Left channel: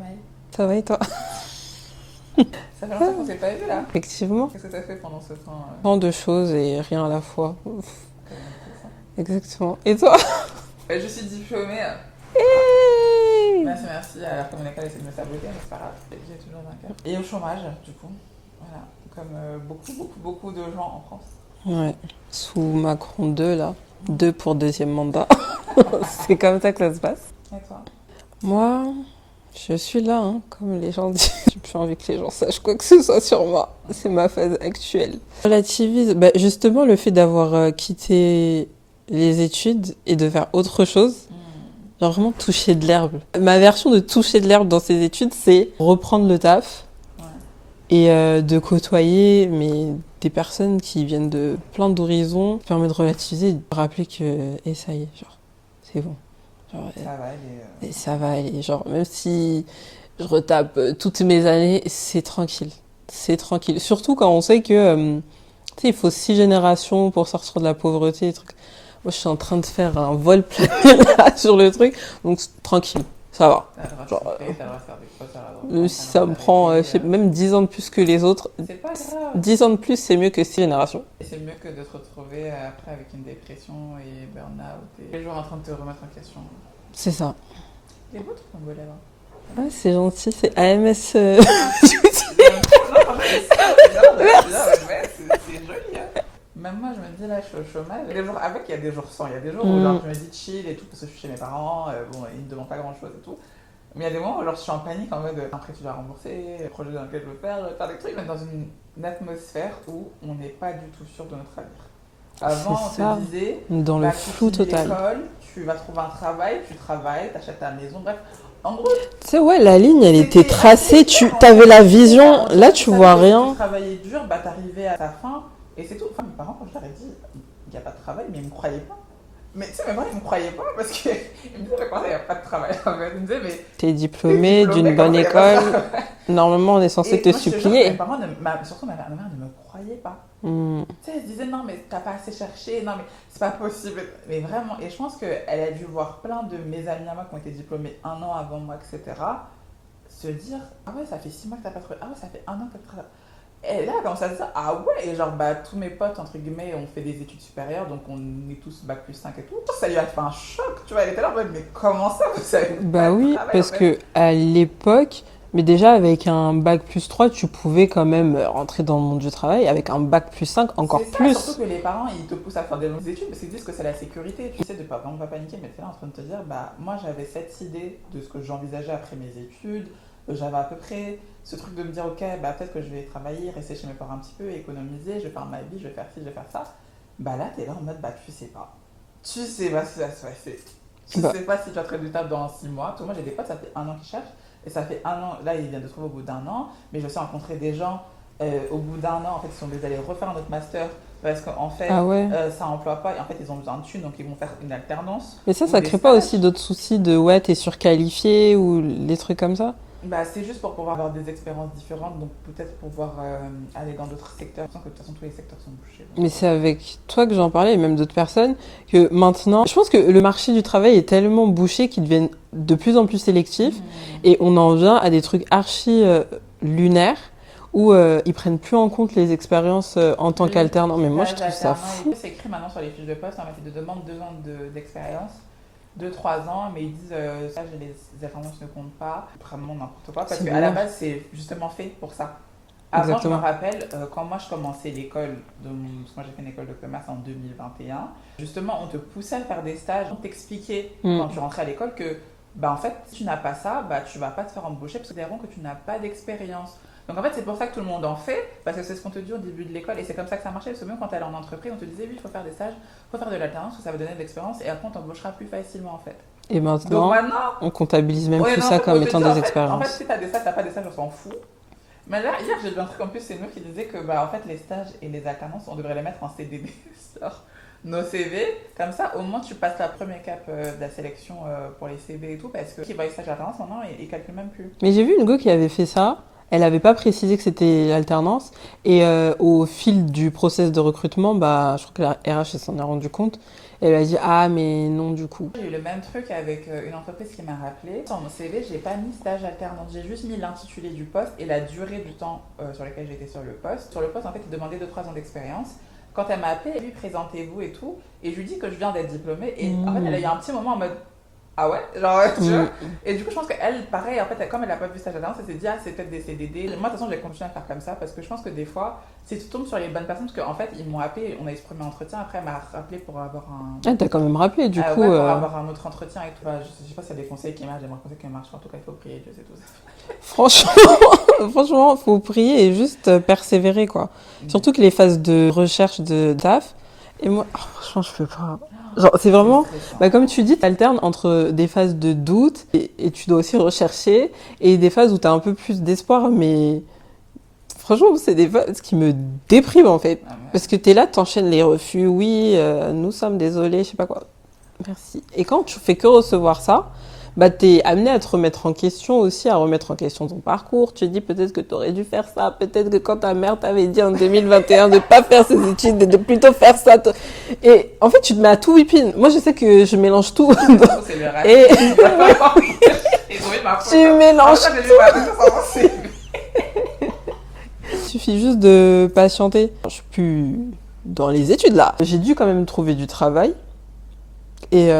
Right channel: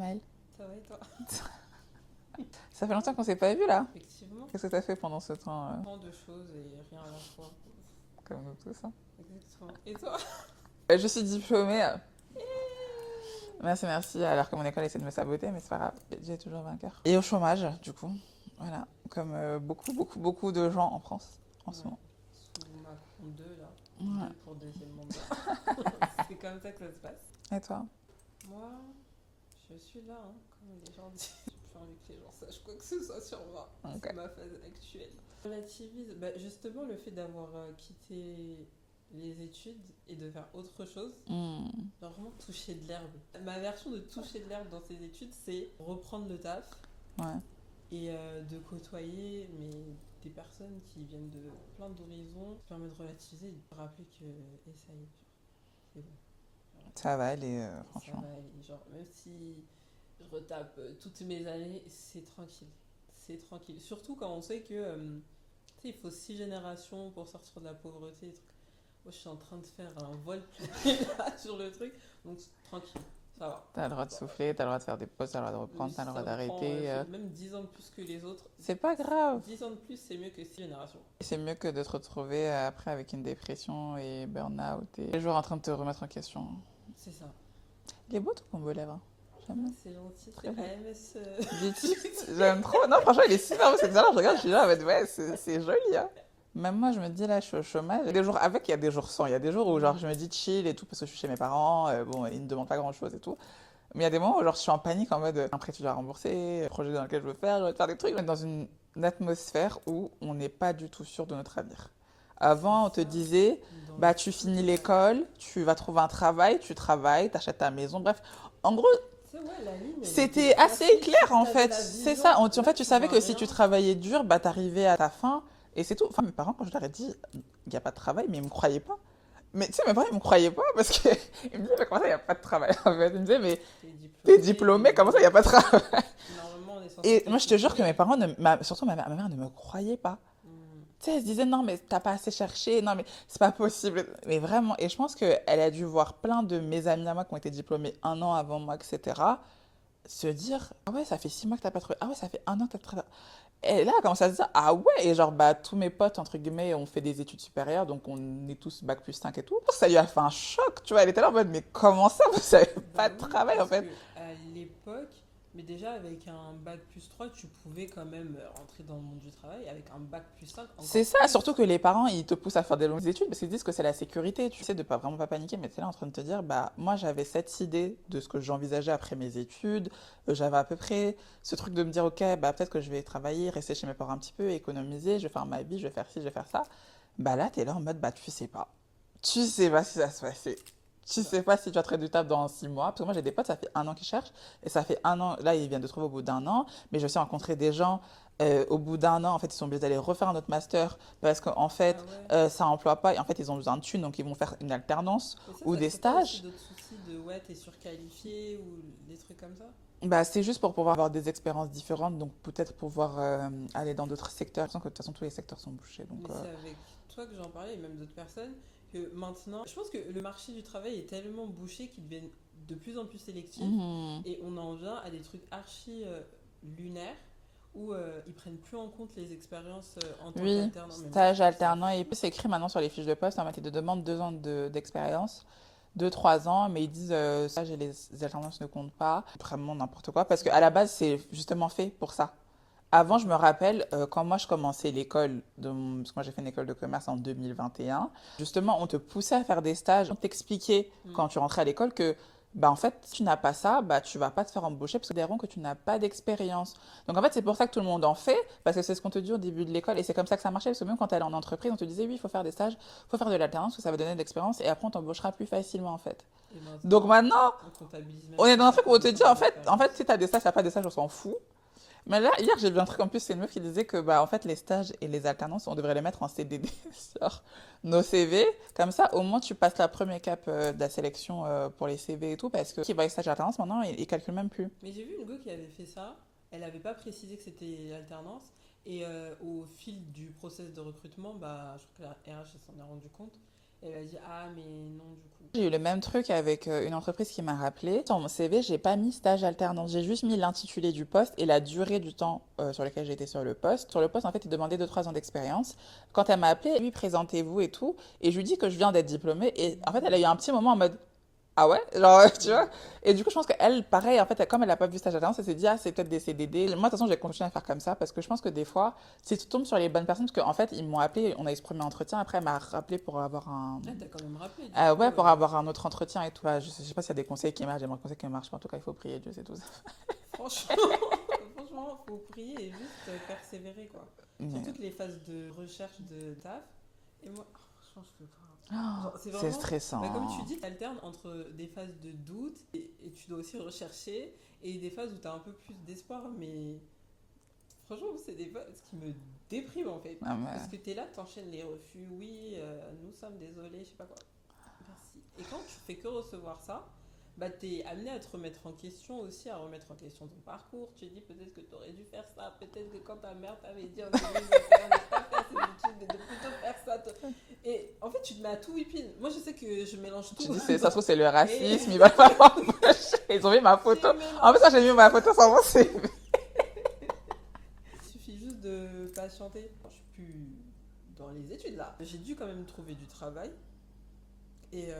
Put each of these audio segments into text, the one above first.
Maï? Ça va et toi? Ça fait longtemps qu'on s'est pas vu là. Effectivement. Qu'est-ce que t'as fait pendant ce temps Tant de choses et rien à la fois. comme tous, hein. Exactement. Et toi? Je suis diplômée. Hey. Merci. Alors que mon école essaie de me saboter, mais c'est pas grave. J'ai toujours vainqueur. Et au chômage, du coup. Voilà. Comme beaucoup de gens en France. Ouais. Sous Macron 2, là. 2 pour deuxième mandat. C'est comme ça que ça se passe. Et toi? Moi, je suis là, hein, comme les gens disent. J'ai plus envie que les gens sachent quoi que ce soit sur moi. C'est ma phase actuelle. Relativise. Bah, justement, le fait d'avoir quitté les études et de faire autre chose. Genre vraiment toucher de l'herbe. Ma version de toucher de l'herbe dans ces études, c'est reprendre le taf Ouais. et de côtoyer des personnes qui viennent de plein d'horizons. Ça permet de relativiser et de rappeler que et ça y est, genre, c'est bon. Genre, Ça va aller. et ça va aller. Genre, même si je retape toutes mes années, c'est tranquille. C'est tranquille. Surtout quand on sait que, tu sais, il faut 6 générations pour sortir de la pauvreté, des trucs. Moi, je suis en train de faire un vol plané là sur le truc, donc tranquille, ça va. T'as le droit de Genre, souffler, t'as le droit de faire des fautes, t'as le droit de Même reprendre, si t'as le ça droit me prend d'arrêter. même 10 ans de plus que les autres, C'est pas grave. 10 ans de plus, c'est mieux que 6 générations. Et c'est mieux que de te retrouver après avec une dépression et burn-out et toujours en train de te remettre en question. C'est ça. Il est beau ton beau lèvres. Ouais, c'est gentil, c'est AMS. Non, franchement, il est super, c'est bien, je suis là, ouais, c'est joli. Hein. Même moi, je me dis là, je suis au chômage. Il y a des jours avec, il y a des jours sans. Il y a des jours où genre, je me dis chill et tout, parce que je suis chez mes parents, bon, ils ne me demandent pas grand chose et tout. Mais il y a des moments où genre, je suis en panique en mode un prêt tu dois rembourser, le projet dans lequel je veux faire des trucs, mais dans une atmosphère où on n'est pas du tout sûr de notre avenir. Avant, on C'est ça. te disait, Dans le bah, tu flou finis total. l'école, tu vas trouver un travail, tu travailles, t'achètes ta maison, bref. En gros, Tu sais, ouais, la ligne, elle était c'était tracée, assez tu clair, en avais fait. la C'est ça, vision, on là, tu tu savais vois que si rien. tu travaillais dur, bah t'arrivais à ta fin et c'est tout. Enfin, mes parents, quand je leur ai dit, il n'y a pas de travail, mais ils me croyaient pas. Mais tu sais, mes parents, ils me croyaient pas parce qu'ils me disaient, comment ça, il n'y a pas de travail en fait. Ils me disaient, mais T'es t'es diplômé diplômé, d'une comment bonne ça, il n'y a pas de école. travail? Normalement, on est censé Et te moi, je te jure que mes supplier. parents, surtout ma mère ne me croyait pas. Hmm. Tu sais, elle se disait, non, mais t'as pas assez cherché, non, mais c'est pas possible. Mais vraiment, et je pense qu'elle a dû voir plein de mes amis à moi qui ont été diplômés un an avant moi, etc., se dire, ah ouais, ça fait 6 mois que t'as pas trouvé, ah ouais, ça fait un an que t'as pas trouvé. Et là, elle commence à se dire, ah ouais, et genre, bah, tous mes potes, entre guillemets, ont fait des études supérieures, donc on est tous bac plus 5 et tout. Ça lui a fait un choc, tu vois, elle était là en mode, mais comment ça, vous savez pas Bah de oui, travail, en parce fait. que à l'époque, mais déjà avec un bac plus 3, tu pouvais quand même rentrer dans le monde du travail. Avec un bac plus 5, encore C'est ça, surtout plus. que les parents, ils te poussent à faire des longues études parce qu'ils disent que c'est la sécurité. Tu sais, de pas vraiment pas paniquer, mais tu es là en train de te dire, bah, moi j'avais cette idée de ce que j'envisageais après mes études. J'avais à peu près ce truc de me dire, ok, bah, peut-être que je vais travailler, rester chez mes parents un petit peu, économiser, je vais faire ma vie, je vais faire ci, je vais faire ça. Bah là, tu es là en mode, bah, tu sais pas. Tu sais pas si ça va se passer. Tu Bah, sais pas si tu vas trouver du taf dans 6 mois. Parce que moi, j'ai des potes, ça fait un an qu'ils cherchent. Et ça fait un an, là, ils viennent de trouver au bout d'un an. Mais je sais rencontrer des gens, au bout d'un an, en fait, ils sont obligés d'aller refaire un autre master. Parce qu'en fait, ah ouais. ça emploie pas. Et en fait, ils ont besoin de thunes. Donc, ils vont faire une alternance Mais ou ça des crée pas aussi stages. d'autres soucis de ouais, t'es surqualifié ou des trucs comme ça? Bah, c'est juste pour pouvoir avoir des expériences différentes. Donc, peut-être pouvoir aller dans d'autres secteurs. Je sens que de toute façon, tous les secteurs sont bouchés. Donc, Mais c'est avec toi que j'en parlais, et même d'autres personnes, que maintenant, je pense que le marché du travail est tellement bouché qu'il devient de plus en plus sélectif, et on en vient à des trucs archi lunaires, où ils prennent plus en compte les expériences en tant oui, qu'alternant. Mais moi, je stage trouve ça alternant. Et fou. puis, c'est écrit maintenant sur les fiches de poste. En fait, ils te demandent 2 ans d'expérience. 2 3 ans, mais ils disent stage et les alternances ne comptent pas. Vraiment n'importe quoi. Parce C'est qu'à la dommage. base, c'est justement fait pour ça. Avant, je me Exactement. rappelle, quand moi je commençais l'école, parce que moi j'ai fait une école de commerce en 2021, justement on te poussait à faire des stages, on t'expliquait Mm. quand tu rentrais à l'école que bah, en fait, si tu n'as pas ça, bah, tu vas pas te faire embaucher parce que diront que tu n'as pas d'expérience. Donc en fait, c'est pour ça que tout le monde en fait, parce que c'est ce qu'on te dit au début de l'école et c'est comme ça que ça marchait. Parce que même quand tu allais en entreprise, on te disait oui, il faut faire des stages, il faut faire de l'alternance, parce que ça va donner de l'expérience et après on t'embauchera plus facilement en fait. Et Donc maintenant, maintenant, on comptabilise même on est plus dans un ça truc où on comme te étant dit des en fait, expériences. si tu as des stages, tu pas des stages, on s'en fout. Mais là, hier, j'ai lu un truc en plus, c'est une meuf qui disait que bah, en fait, les stages et les alternances, on devrait les mettre en CDD sur nos CV. Comme ça, au moins, tu passes la première étape de la sélection pour les CV et tout, parce que qui va les stages et alternance, maintenant, ils calculent même plus. Mais j'ai vu une go qui avait fait ça. Elle n'avait pas précisé que c'était l'alternance. Et au fil du process de recrutement, bah, je crois que la RH elle s'en est rendu compte. Elle a dit, ah, mais non, du coup. J'ai eu le même truc avec une entreprise qui m'a rappelé. Sur mon CV, j'ai pas mis stage alternance. J'ai juste mis l'intitulé du poste et la durée du temps sur lequel j'étais sur le poste. Sur le poste, en fait, il demandait 2-3 ans d'expérience. Quand elle m'a appelé, lui, présentez-vous et tout. Et je lui dis que je viens d'être diplômée. Et en fait, elle a eu un petit moment en mode, ah ouais, genre, tu vois. Et du coup, je pense qu'elle, pareil, en fait, comme elle n'a pas vu stage alternance, elle s'est dit, ah, c'est peut-être des CDD. Moi, de toute façon, je vais continuer à faire comme ça parce que je pense que des fois, si tu tombes sur les bonnes personnes, parce qu'en fait, ils m'ont appelé, on a eu ce premier entretien, après, elle m'a rappelé pour avoir un. Ah, t'as quand même rappelé, du coup. Ouais, pour avoir un autre entretien et tout. Bah, je sais pas s'il y a des conseils qui marchent, j'aimerais conseils qui marchent. En tout cas, il faut prier, Dieu sait tout ça. Franchement, faut prier et juste persévérer, quoi. Surtout que les phases de recherche de taf, et moi, franchement, je peux pas. Genre, c'est vraiment, comme tu dis, tu alternes entre des phases de doute et tu dois aussi rechercher et des phases où tu as un peu plus d'espoir, mais franchement, c'est des phases qui me dépriment en fait. Parce que tu es là, tu enchaînes les refus, oui, nous sommes désolés, je sais pas quoi. Merci. Et quand tu fais que recevoir ça, bah, tu es amené à te remettre en question aussi, à remettre en question ton parcours. Tu te dis peut-être que tu aurais dû faire ça, peut-être que quand ta mère t'avait dit en 2021 de ne pas faire ses études, de plutôt faire ça. Et en fait, tu te mets à tout whipping. Moi, je sais que je mélange tout. C'est le racisme. Ils ont mis ma faute. Tu mélanges tout. J'ai vu ma faute sur mon CV. Il suffit juste de patienter. Je suis plus dans les études là. J'ai dû quand même trouver du travail. Et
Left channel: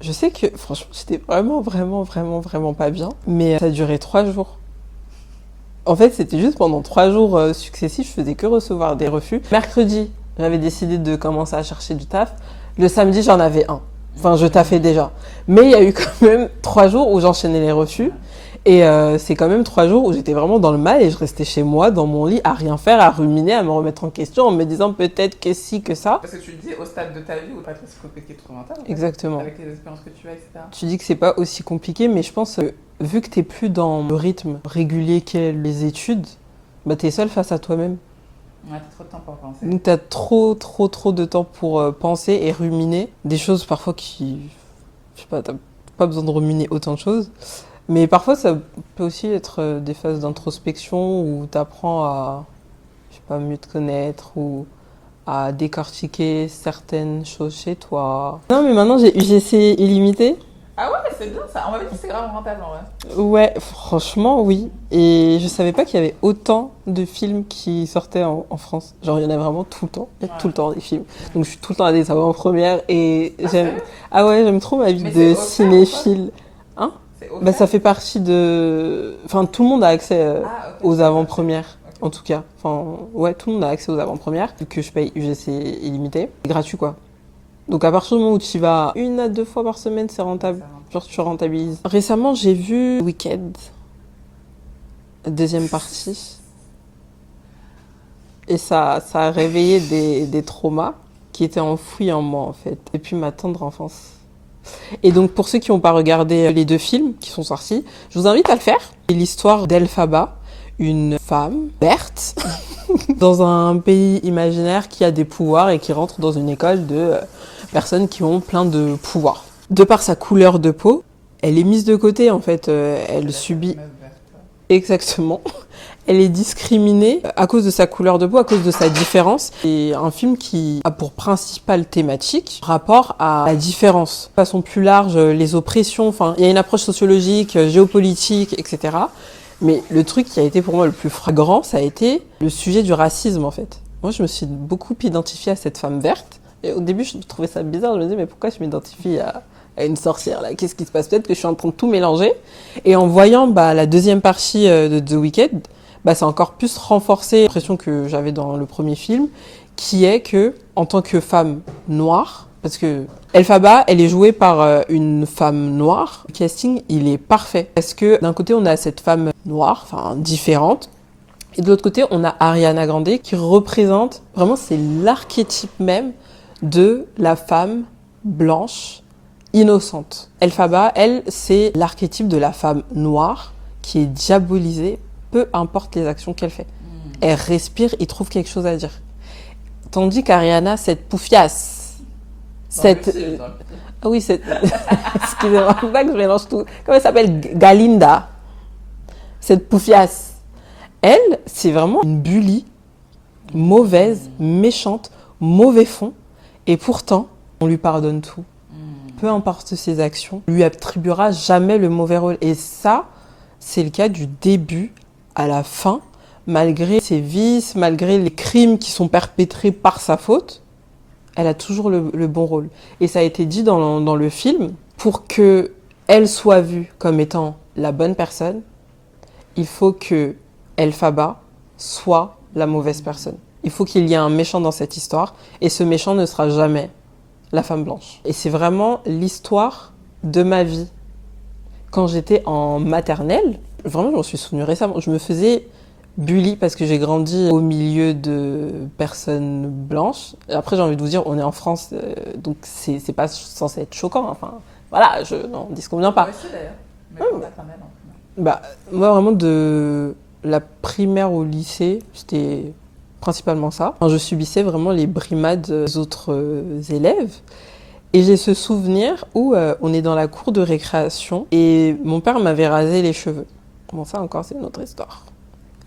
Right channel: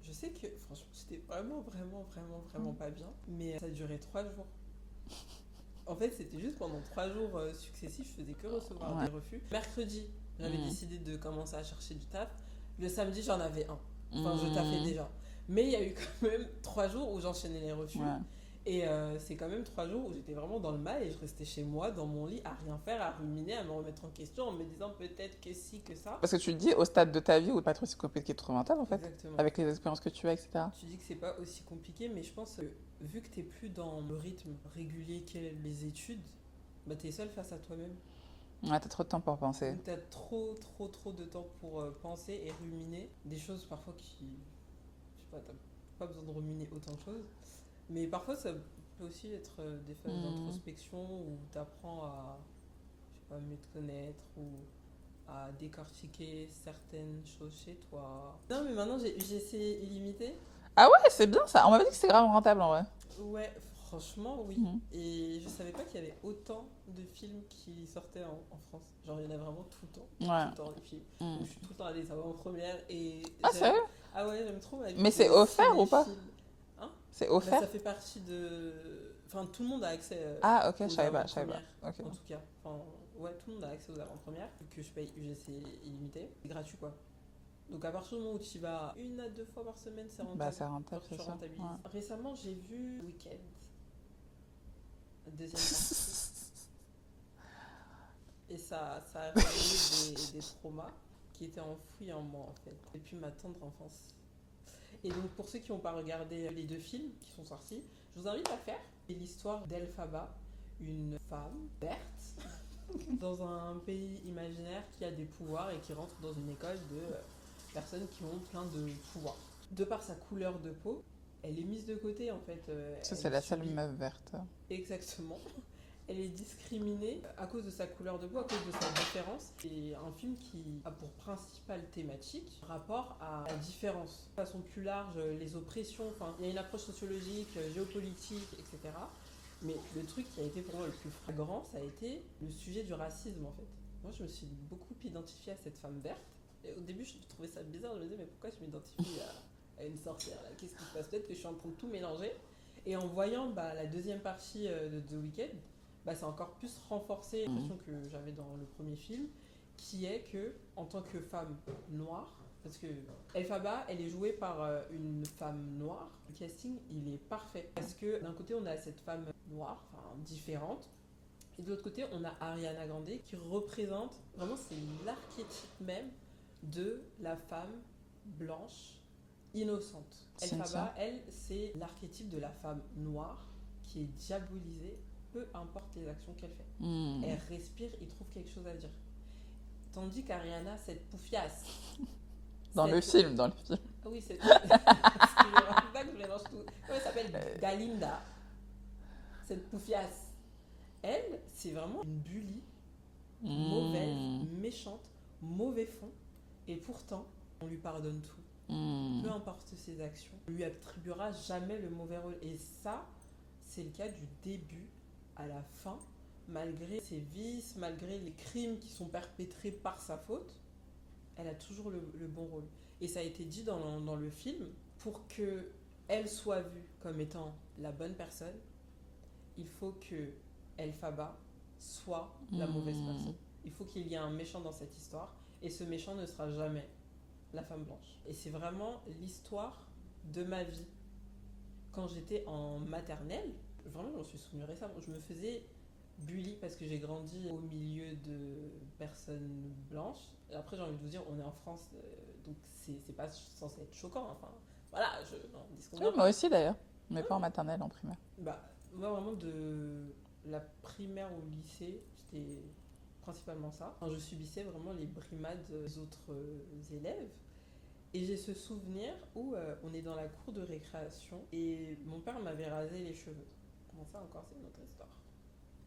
je sais que, franchement, j'étais vraiment pas bien. Mais ça a duré 3 jours. En fait, c'était juste pendant 3 jours successifs, je faisais que recevoir des refus. Mercredi, j'avais décidé de commencer à chercher du taf. Le samedi, j'en avais un. Enfin, je taffais déjà. Mais il y a eu quand même 3 jours où j'enchaînais les refus. Et c'est quand même 3 jours où j'étais vraiment dans le mal et je restais chez moi, dans mon lit, à rien faire, à ruminer, à me remettre en question, en me disant peut-être que si, que ça. Parce que tu te dis, au stade de ta vie, où pas trop si compliqué de trouver un taf. Exactement. Avec les expériences que tu as, etc. Tu dis que c'est pas aussi compliqué, mais je pense que vu que t'es plus dans le rythme régulier qu'est les études, bah t'es seul face à toi-même. Ouais, t'as trop de temps pour penser. Donc t'as trop de temps pour penser et ruminer. Des choses parfois qui... Je sais pas, t'as pas besoin de ruminer autant de choses. Mais parfois, ça peut aussi être des phases d'introspection où tu apprends à, je sais pas, mieux te connaître ou à décortiquer certaines choses chez toi. Non, mais maintenant, j'ai UGC illimité. Ah ouais, c'est bien ça. On m'avait dit que c'est grave rentable en vrai. Ouais, franchement, oui. Et je savais pas qu'il y avait autant de films qui sortaient en France. Genre, il y en a vraiment tout le temps. Il y a tout le temps des films. Donc, je suis tout le temps à des avant-premières et j'aime... Ah ouais, j'aime trop ma vie de cinéphile. Hein? Bah, ça fait partie de... Enfin, tout le monde a accès aux avant-premières, en tout cas. Enfin, ouais, tout le monde a accès aux avant-premières, vu que je paye UGC illimité. C'est gratuit, quoi. Donc, à partir du moment où tu y vas 1 à 2 fois par semaine, c'est rentable. Genre, tu rentabilises. Récemment, j'ai vu Wicked, deuxième partie. Et ça a réveillé des traumas qui étaient enfouis en moi, en fait. Depuis ma tendre enfance. Et donc, pour ceux qui n'ont pas regardé les 2 films qui sont sortis, je vous invite à le faire. C'est l'histoire d'Elphaba, une femme verte, dans un pays imaginaire qui a des pouvoirs et qui rentre dans une école de personnes qui ont plein de pouvoirs. De par sa couleur de peau, elle est mise de côté, en fait. Elle subit... Exactement. Elle est discriminée à cause de sa couleur de peau, à cause de sa différence. C'est un film qui a pour principale thématique rapport à la différence. De façon plus large, les oppressions, enfin, il y a une approche sociologique, géopolitique, etc. Mais le truc qui a été pour moi le plus flagrant, ça a été le sujet du racisme, en fait. Moi, je me suis beaucoup identifiée à cette femme verte. Et au début, je trouvais ça bizarre. Je me disais, mais pourquoi je m'identifie à une sorcière, là? Qu'est-ce qui se passe? Peut-être que je suis en train de tout mélanger. Et en voyant la deuxième partie de The Wicked, ça a encore plus renforcé l'impression que j'avais dans le premier film, qui est que, en tant que femme noire, parce que Elphaba, elle est jouée par une femme noire, le casting, il est parfait. Parce que d'un côté, on a cette femme noire, enfin différente, et de l'autre côté, on a Ariana Grande qui représente, vraiment, c'est l'archétype même de la femme blanche, innocente. Elphaba, elle, c'est l'archétype de la femme noire qui est diabolisée, peu importe les actions qu'elle fait. Elle respire, il trouve quelque chose à dire. Tandis qu'Ariana, cette poufiasse, cette... Ah oui, cette... Excusez-moi, pas que je mélange tout. Comment elle s'appelle? Galinda. Cette poufiasse. Elle, c'est vraiment une bully, mauvaise, méchante, mauvais fond. Et pourtant, On lui pardonne tout. Hmm. Peu importe ses actions, on lui attribuera jamais le mauvais rôle. Et ça, c'est le cas du début à la fin, malgré ses vices, malgré les crimes qui sont perpétrés par sa faute, elle a toujours le bon rôle. Et ça a été dit dans le film, pour que elle soit vue comme étant la bonne personne, il faut que Elphaba soit la mauvaise personne. Il faut qu'il y ait un méchant dans cette histoire, et ce méchant ne sera jamais la femme blanche. Et c'est vraiment l'histoire de ma vie. Quand j'étais en maternelle, vraiment je m'en suis souvenue récemment, je me faisais bully parce que j'ai grandi au milieu de personnes blanches. Et après j'ai envie de vous dire, on est en France, donc c'est pas censé être choquant. Enfin voilà, non, on disconvient pas. Moi aussi d'ailleurs, mais pas maternelle en primaire. Bah, moi vraiment de la primaire au lycée, c'était principalement ça. Enfin, je subissais vraiment les brimades des autres élèves. Et j'ai ce souvenir où on est dans la cour de récréation et mon père m'avait rasé les cheveux. Bon, ça encore, c'est une autre histoire.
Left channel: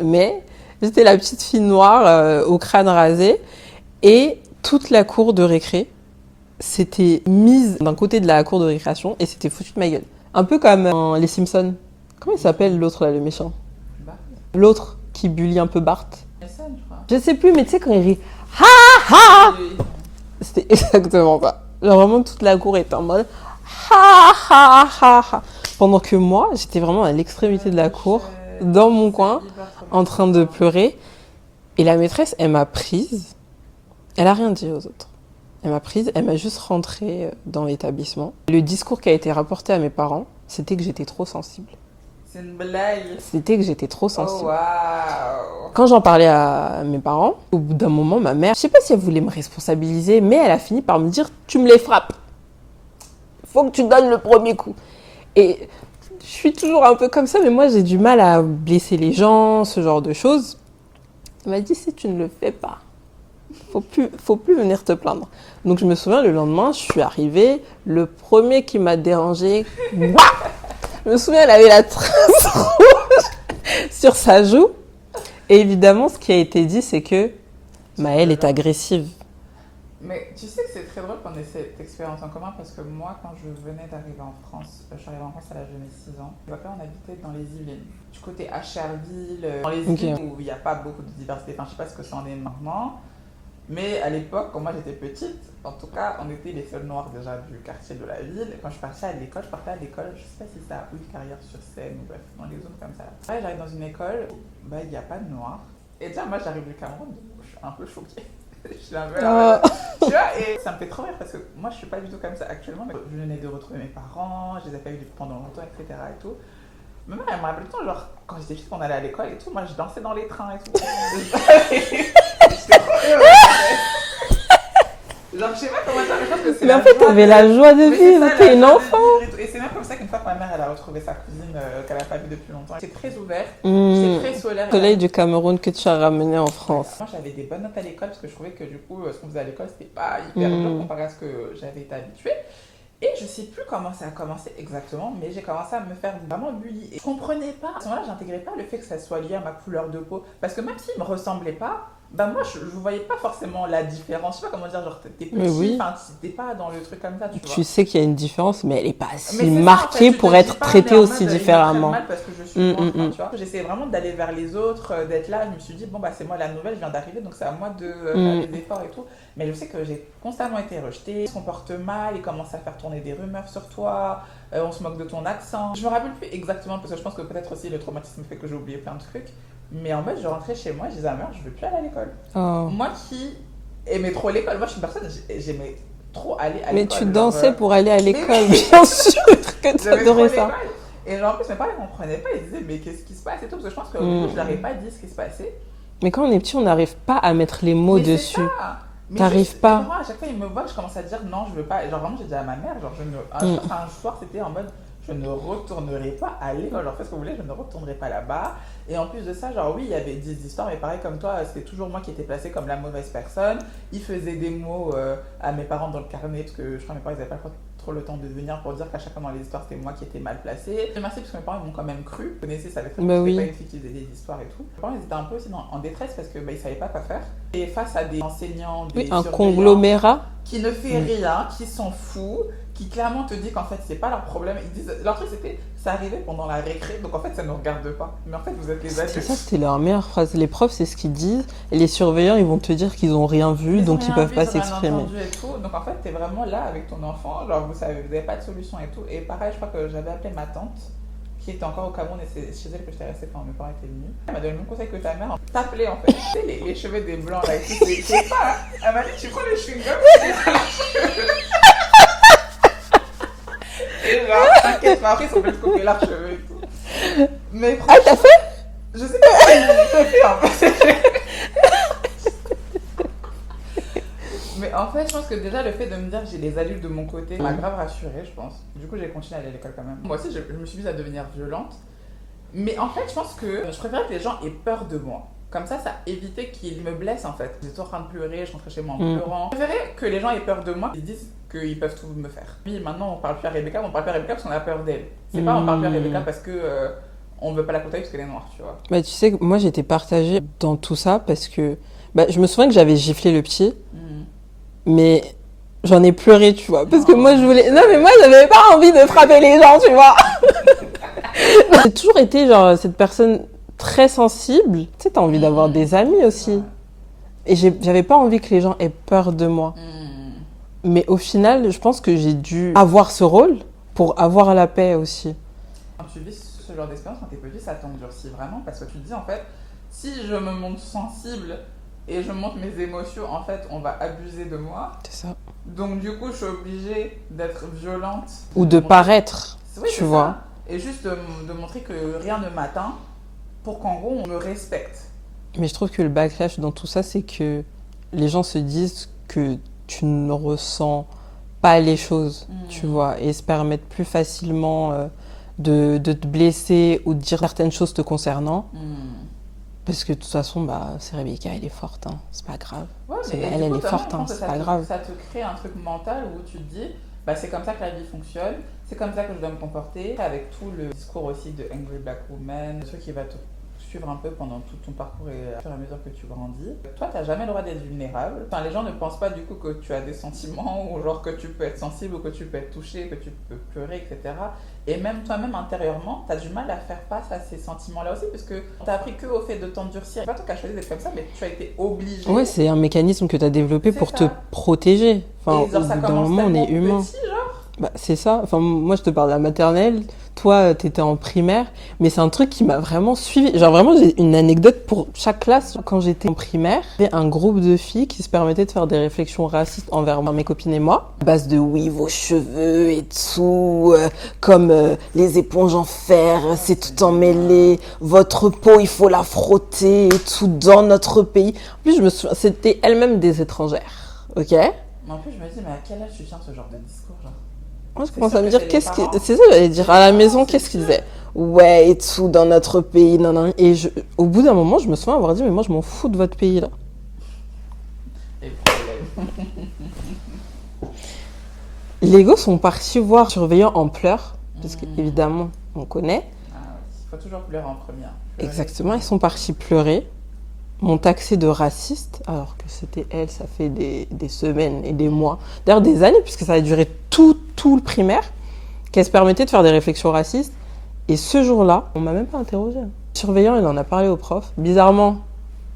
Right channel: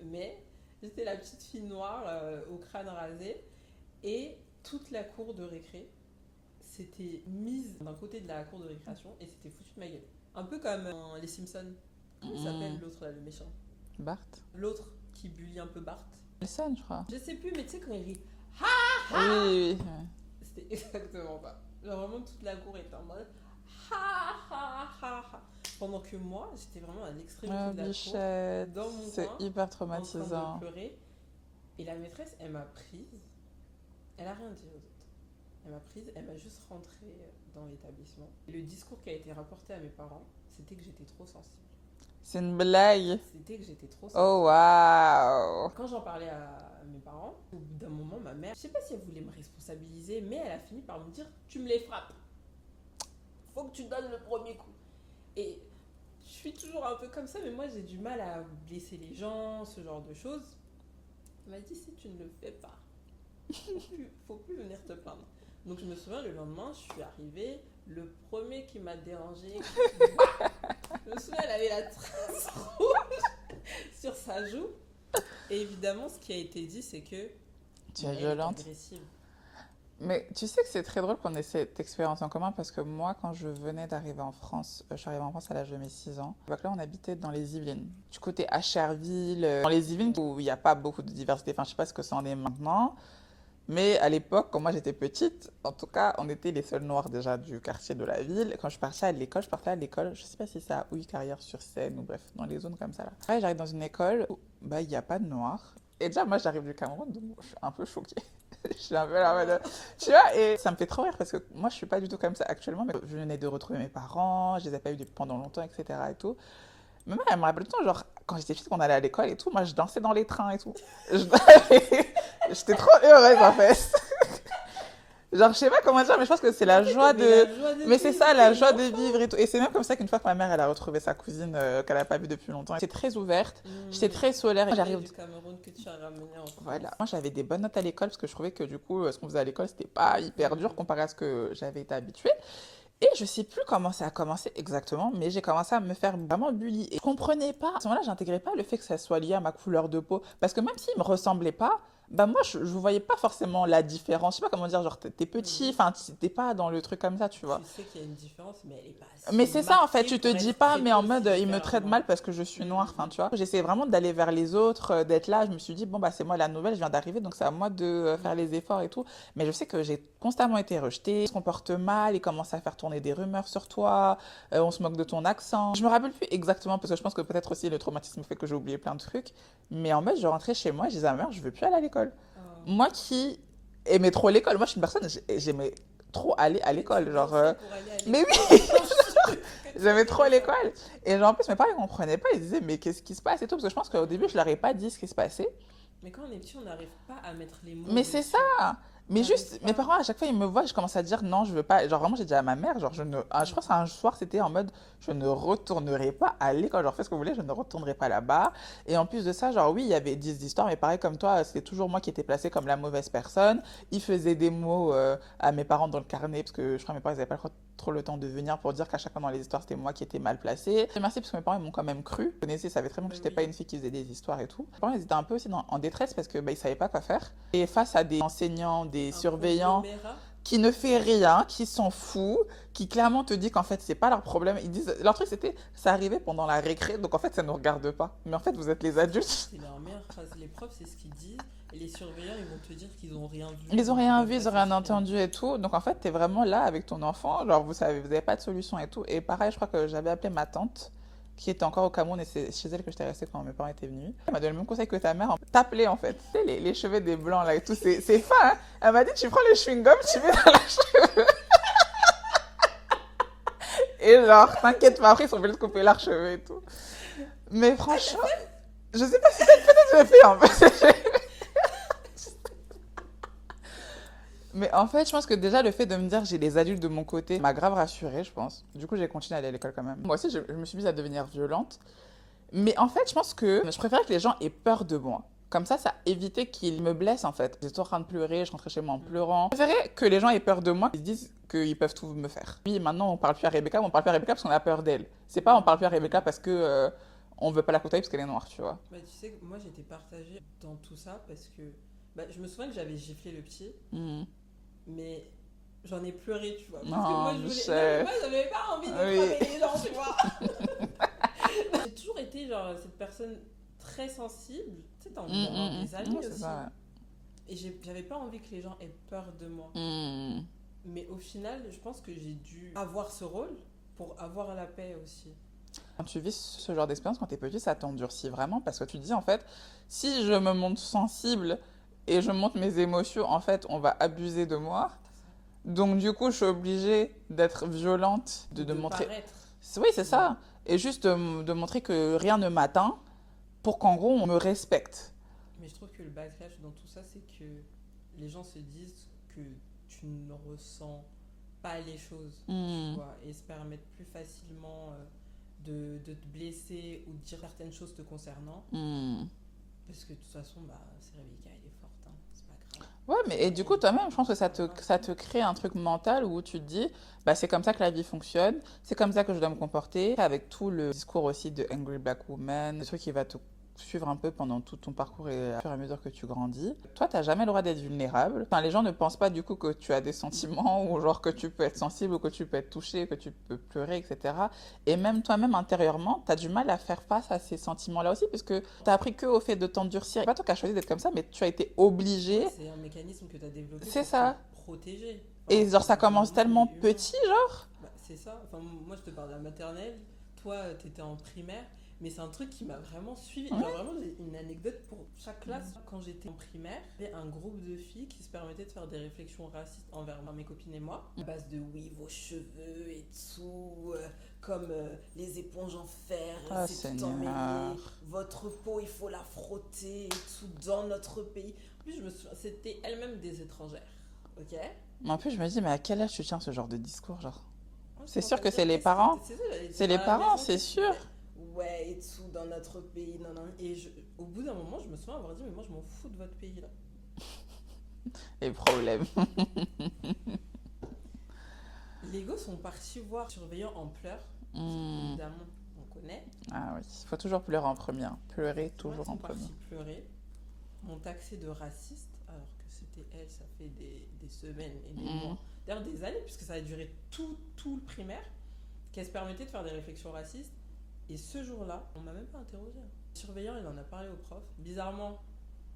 Mais j'étais la petite fille noire au crâne rasé et toute la cour de récré s'était mise d'un côté de la cour de récréation et s'était foutu de ma gueule. Un peu comme les Simpsons. Comment il s'appelle l'autre là, le méchant? Bart. L'autre qui bully un peu Bart. Jason, je crois. Je sais plus, mais tu sais quand il rit « Ha ha !» Oui, oui. C'était exactement ça. Genre vraiment toute la cour était en mode ha ha ha ha. Pendant que moi, j'étais vraiment à l'extrémité de la cour, dans mon coin, en train de pleurer. Et la maîtresse, elle m'a prise. Elle a rien dit aux autres. Elle m'a prise, elle m'a juste rentrée dans l'établissement. Le discours qui a été rapporté à mes parents, c'était que j'étais trop sensible. C'est une blague. C'était que j'étais trop Oh sensible. waouh. Quand j'en parlais à mes parents, au bout d'un moment, ma mère, je sais pas si elle voulait me responsabiliser, mais elle a fini par me dire « Tu me les frappes. Faut que tu donnes le premier coup. » Et je suis toujours un peu comme ça, mais moi j'ai du mal à blesser les gens, ce genre de choses. Elle m'a dit « Si tu ne le fais pas, faut plus venir te plaindre. » Donc je me souviens, le lendemain, je suis arrivée, le premier qui m'a dérangée, je me souviens, elle avait la trace rouge sur sa joue. Et évidemment, ce qui a été dit, c'est que Maëlle est agressive. Mais tu sais que c'est très drôle qu'on ait cette expérience en commun parce que moi, quand je venais d'arriver en France, je suis arrivée en France à l'âge de mes 6 ans. Donc là, on habitait dans les Yvelines, du côté Acherville, dans les Yvelines Ok. où il n'y a pas beaucoup de diversité. Enfin, je sais pas ce que ça en est maintenant. Mais à l'époque, quand moi j'étais petite, en tout cas, on était les seuls noirs déjà du quartier de la ville. Et quand je partais à l'école, je sais pas si c'est à Carrière-sur-Seine ou bref, dans les zones comme ça. Ouais, j'arrive dans une école où bah, il n'y a pas de noirs. Et déjà, moi j'arrive du Cameroun, donc je suis un peu choquée. Je suis un peu là, tu vois, et ça me fait trop rire parce que moi je suis pas du tout comme ça actuellement. Mais je venais de retrouver mes parents, je les ai pas vus pendant longtemps, etc. Et tout. Ma mère, elle me rappelle tout le temps, genre, quand j'étais petite, quand on allait à l'école et tout, moi je dansais dans les trains et tout. J'étais trop heureuse en fait. Genre, je sais pas comment dire, mais je pense que c'est Mais la en fait, joie t'avais de- la joie de Mais c'est vivre, ça, t'es la une joie de enfant. vivre et tout. Et c'est même comme ça qu'une fois que ma mère, elle a retrouvé sa cousine qu'elle a pas vue depuis longtemps. J'étais très ouverte, j'étais très solaire. Soleil du Cameroun que tu as ramené en France. Moi, j'avais des bonnes notes à l'école parce que je trouvais que du coup, ce qu'on faisait à l'école, c'était pas hyper dur comparé à ce que j'avais été habituée. Et je sais plus comment ça a commencé exactement, mais j'ai commencé à me faire vraiment bully. Et je comprenais pas, à ce moment-là, j'intégrais pas le fait que ça soit lié à ma couleur de peau. Parce que même s'il me ressemblait pas, bah moi, je voyais pas forcément la différence. Je sais pas comment dire, genre, t'es Mais petit, oui. enfin, t'es pas dans le truc comme ça, tu vois. Tu sais qu'il y a une différence, mais elle n'est pas si Mais c'est ça, en marquée fait, tu te pour dis être pas, traitée mais en aussi mode, il me traite différemment. mal parce que je suis noire, enfin, tu vois. J'essayais vraiment d'aller vers les autres, d'être là. Je me suis dit, bon, bah, c'est moi la nouvelle, je viens d'arriver, donc c'est à moi de faire les efforts et tout. Mais je sais que j'ai constamment été rejetée. Il se comporte mal, il commence à faire tourner des rumeurs sur toi, on se moque de ton accent. Je me rappelle plus exactement parce que je pense que peut-être aussi le traumatisme fait que j'ai oublié plein de trucs. Mais en fait, je rentrais chez moi et je disais à ma mère, je veux plus aller à l'école. Oh. Moi qui aimais trop l'école, moi je suis une personne, j'aimais trop aller à Mais l'école. tu genre, dansais pour aller à l'école, oui. bien sûr que tu J'avais trop adorais ça. l'école. Et genre, en plus, mes parents ne comprenaient pas. Ils disaient, mais qu'est-ce qui se passe et tout. Parce que je pense qu'au début, je leur ai pas dit ce qui se passait. Mais quand on est petit, on n'arrive pas à mettre les mots Mais dessus. c'est ça. Mais T'arrives juste, pas. mes parents, à chaque fois, ils me voient, je commence à dire non, je veux pas. Genre, vraiment, j'ai dit à ma mère, genre, je pense qu'un soir, c'était en mode, je ne retournerai pas à l'école. Genre, faites ce que vous voulez, je ne retournerai pas là-bas. Et en plus de ça, genre, oui, il y avait 10 histoires, mais pareil, comme toi, c'était toujours moi qui étais placée comme la mauvaise personne. Ils faisaient des mots à mes parents dans le carnet, parce que je crois que mes parents, ils n'avaient pas trop trop le temps de venir pour dire qu'à chaque fois dans les histoires, c'était moi qui étais mal placée. Merci parce que mes parents m'ont quand même cru. Vous connaissez, ça avait très bien, Bah j'étais oui. pas une fille qui faisait des histoires et tout. Mes parents, ils étaient un peu aussi en détresse parce que ils savaient pas quoi faire. Et face à des enseignants, Oui, des un surveillants conglomérat. qui ne fait rien, qui s'en fout, qui clairement te dit qu'en fait c'est pas leur problème. Ils disent, leur truc c'était, ça arrivait pendant la récré, donc en fait ça ne nous regarde pas. Mais en fait vous êtes les C'était ça, adultes. c'était leur meilleure phrase. Les profs, c'est ce qu'ils disent. Et les surveillants, ils vont te dire qu'ils ont rien vu, Ils ont donc ils rien peuvent vu, pas ils ont rien s'exprimer. entendu et tout. Donc en fait t'es vraiment là avec ton enfant, genre vous savez, vous avez pas de solution et tout. Et pareil, je crois que j'avais appelé ma tante qui était encore au Cameroun et c'est chez elle que j'étais restée quand mes parents étaient venus. Elle m'a donné le même conseil que ta mère, t'appeler en fait. Tu sais, les cheveux des blancs là et tout, c'est pas. Hein. Elle m'a dit, tu prends le chewing-gum, tu mets dans les cheveux. Et genre, t'inquiète pas, après ils sont venus te couper leurs cheveux et tout. Mais Ah, franchement, t'as fait? je sais pas si je l'ai fait en fait. Mais en fait, je pense que déjà le fait de me dire que j'ai les adultes de mon côté m'a grave rassurée, je pense. Du coup, j'ai continué à aller à l'école quand même. Moi aussi, je me suis mise à devenir violente. Mais en fait, je pense que je préférais que les gens aient peur de moi. Comme ça évitait qu'ils me blessent en fait. J'étais en train de pleurer, je rentrais chez moi en pleurant. Je préférais que les gens aient peur de moi, qu'ils se disent qu'ils peuvent tout me faire. Puis maintenant, on parle plus à Rebecca, on parle plus à Rebecca parce qu'on a peur d'elle. C'est pas on parle plus à Rebecca parce que on veut pas la côtoyer parce qu'elle est noire, tu vois. Bah, tu sais, que moi, j'étais partagée dans tout ça parce que je me souviens que j'avais giflé le petit, mais j'en ai pleuré, tu vois. Parce que moi, je voulais. Non, mais moi, j'avais pas envie de frapper les gens, tu vois. J'ai toujours été, genre, cette personne très sensible. Tu sais, t'as envie d'avoir des amis aussi. Ouais. Et j'avais pas envie que les gens aient peur de moi. Mais au final, je pense que j'ai dû avoir ce rôle pour avoir la paix aussi. Quand tu vis ce genre d'expérience, quand t'es petit, ça t'endurcit vraiment parce que tu te dis en fait, si je me montre sensible et je montre mes émotions, en fait, on va abuser de moi. C'est ça. Donc du coup, je suis obligée d'être violente. Ou de montrer... paraître, Oui, tu c'est vois. ça. Et juste de montrer que rien ne m'atteint pour qu'en gros, on me respecte. Mais je trouve que le backlash dans tout ça, c'est que les gens se disent que tu ne ressens pas les choses, tu vois, et se permettent plus facilement de te blesser ou de dire certaines choses te concernant. Parce que de toute façon, c'est Rebecca, elle est forte, hein. C'est pas grave. Ouais, mais Elle, du elle coup, est toi, forte, je hein. pense que C'est pas grave. ça te crée un truc mental où tu te dis, c'est comme ça que la vie fonctionne, c'est comme ça que je dois me comporter, avec tout le discours aussi de Angry Black Woman, le truc qui va te suivre un peu pendant tout ton parcours et au fur et à mesure que tu grandis. Toi, t'as jamais le droit d'être vulnérable. Enfin, les gens ne pensent pas du coup que tu as des sentiments ou genre que tu peux être sensible ou que tu peux être touché, que tu peux pleurer, etc. Et même toi-même intérieurement, t'as du mal à faire face à ces sentiments-là aussi parce que t'as appris que au fait de t'endurcir. C'est pas toi qui as choisi d'être comme ça, mais tu as été obligé. Ouais, c'est un mécanisme que tu as développé C'est pour ça. te protéger. Enfin, Et genre, ça au bout d'un commence moment, on tellement est humain. petit, genre. C'est ça. Enfin, moi, je te parle de la maternelle. Toi, t'étais en primaire. Mais c'est un truc qui m'a vraiment suivi. Genre, vraiment, j'ai une anecdote pour chaque classe. Quand j'étais en primaire, il y avait un groupe de filles qui se permettaient de faire des réflexions racistes envers mes copines et moi. À base de oui, vos cheveux et tout, comme les éponges en fer, c'est tout emmêlé. Votre peau, il faut la frotter et tout dans notre pays. En plus, je me souviens, c'était elles-mêmes des étrangères. Ok? Mais en plus, je me dis, mais à quel âge tu tiens ce genre de discours, genre? Moi, je C'est commence sûr à me que dire, c'est les qu'est-ce parents. que... C'est ça, j'allais dire, C'est à les la parents, maison, c'est qu'est-ce qu'ils sûr. disaient? Ouais, et tout, dans notre pays, non, non. Et au bout d'un moment, je me souviens avoir dit, mais moi, je m'en fous de votre pays, là. Et problème. Les gosses sont partis voir le surveillant en pleurs, parce qu'évidemment, on connaît. Ah oui, il faut toujours pleurer en première. Pleurer, Exactement, ils sont partis pleurer, m'ont taxé de raciste, alors que c'était elle, ça fait des semaines et des mois, d'ailleurs des années, puisque ça a duré tout le primaire, qu'elle se permettait de faire des réflexions racistes. Et ce jour-là, on m'a même pas interrogé. Le surveillant, il en a parlé au prof. Bizarrement,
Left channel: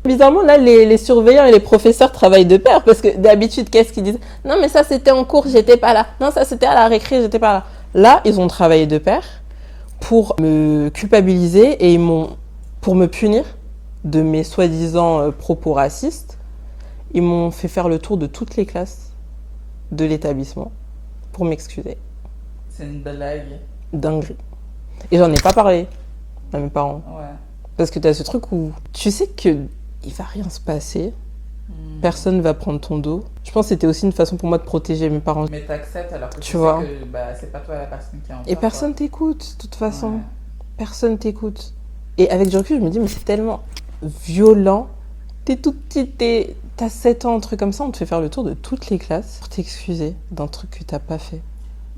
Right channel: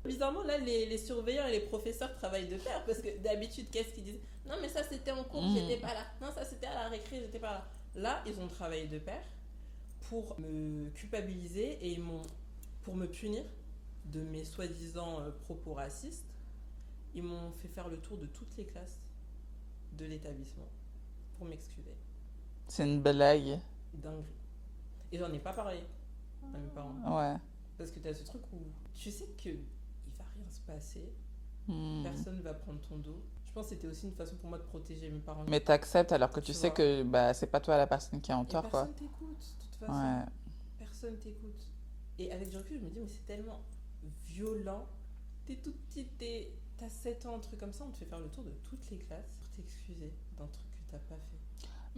là, les surveillants et les professeurs travaillent de pair, parce que d'habitude, qu'est-ce qu'ils disent? Non, mais ça, c'était en cours, j'étais pas là. Non, ça, c'était à la récré, j'étais pas là. Là, ils ont travaillé de pair pour me culpabiliser et pour me punir de mes soi-disant propos racistes. Ils m'ont fait faire le tour de toutes les classes de l'établissement pour m'excuser. C'est une blague. Dinguerie. Et j'en ai pas parlé à mes parents. Ouais. Parce que t'as ce truc où tu sais que il va rien se passer, personne va prendre ton dos. Je pense que c'était aussi une façon pour moi de protéger mes parents. Mais t'acceptes alors que tu sais vois. que c'est pas toi la personne qui est en Et tort, personne t'écoute, de toute façon. Ouais. Personne t'écoute. Et avec du recul, je me dis, mais c'est tellement violent. T'es toute petite, t'as 7 ans, un truc comme ça, on te fait faire le tour de toutes les classes pour t'excuser d'un truc que t'as pas fait.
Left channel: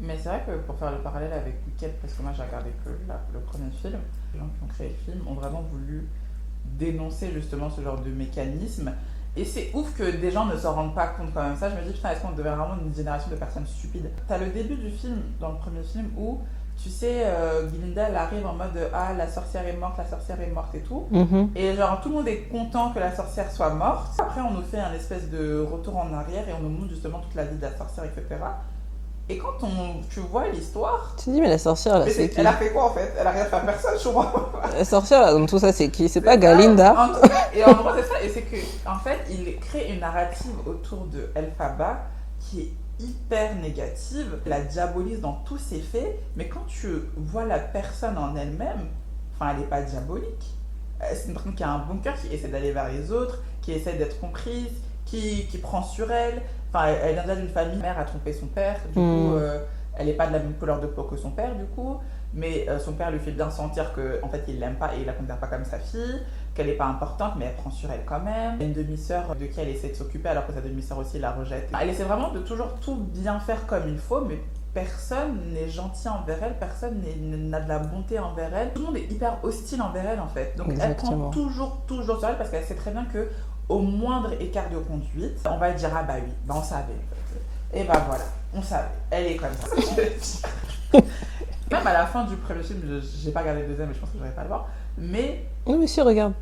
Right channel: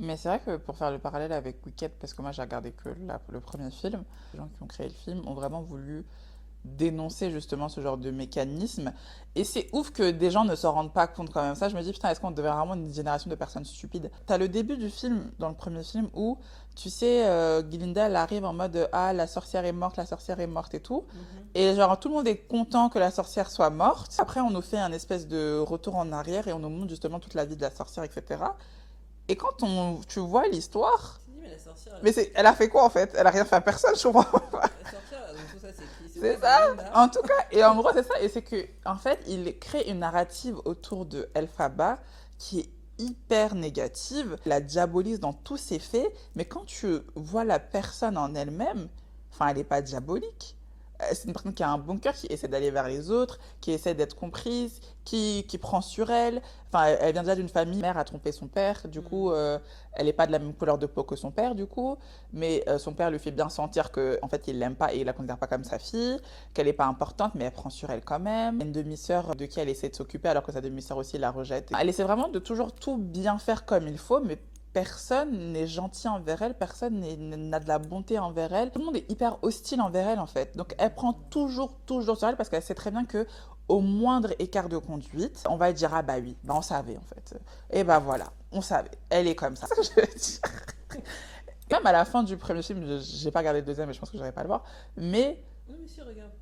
Mais c'est vrai que pour faire le parallèle avec Wicked, parce que moi j'ai regardé que le premier film, les gens qui ont créé le film ont vraiment voulu dénoncer justement ce genre de mécanisme. Et c'est ouf que des gens ne s'en rendent pas compte quand même. Ça, je me dis, putain, est-ce qu'on devait vraiment une génération de personnes stupides? T'as le début du film, dans le premier film, où, tu sais, Glinda, elle arrive en mode, ah, la sorcière est morte, la sorcière est morte et tout. Mhm. Et genre, tout le monde est content que la sorcière soit morte. Après, on nous fait un espèce de retour en arrière et on nous montre justement toute la vie de la sorcière, etc. Et quand tu vois l'histoire, Tu te dis, mais la sorcière, là, mais c'est qui? elle a fait quoi en fait? Elle a rien fait à personne, je crois. La sorcière, là, dans tout ça, c'est qui? C'est pas C'est ça. Galinda? En tout cas, et en gros, c'est ça. Et c'est que, en fait, il crée une narrative autour de Elphaba qui est hyper négative. La diabolise dans tous ses faits. Mais quand tu vois la personne en elle-même, enfin, elle n'est pas diabolique. C'est une personne qui a un bon cœur, qui essaie d'aller vers les autres, qui essaie d'être comprise, qui prend sur elle. Enfin, elle vient déjà d'une famille. Sa mère a trompé son père. Du coup, elle n'est pas de la même couleur de peau que son père, du coup. Mais son père lui fait bien sentir qu'en fait, il l'aime pas et il la considère pas comme sa fille, qu'elle n'est pas importante, mais elle prend sur elle quand même. Une demi-sœur de qui elle essaie de s'occuper alors que sa demi-sœur aussi la rejette. Elle essaie vraiment de toujours tout bien faire comme il faut, mais personne n'est gentil envers elle, personne n'a de la bonté envers elle. Tout le monde est hyper hostile envers elle en fait. Donc elle prend toujours sur elle parce qu'elle sait très bien que au moindre écart de conduite, on va dire ah bah oui, bah on savait en fait. Et bah voilà, on savait, elle est comme ça. Même à la fin du premier film, j'ai pas regardé le deuxième, mais je pense que j'aurais pas à le voir. Mais Non, mais si, regarde.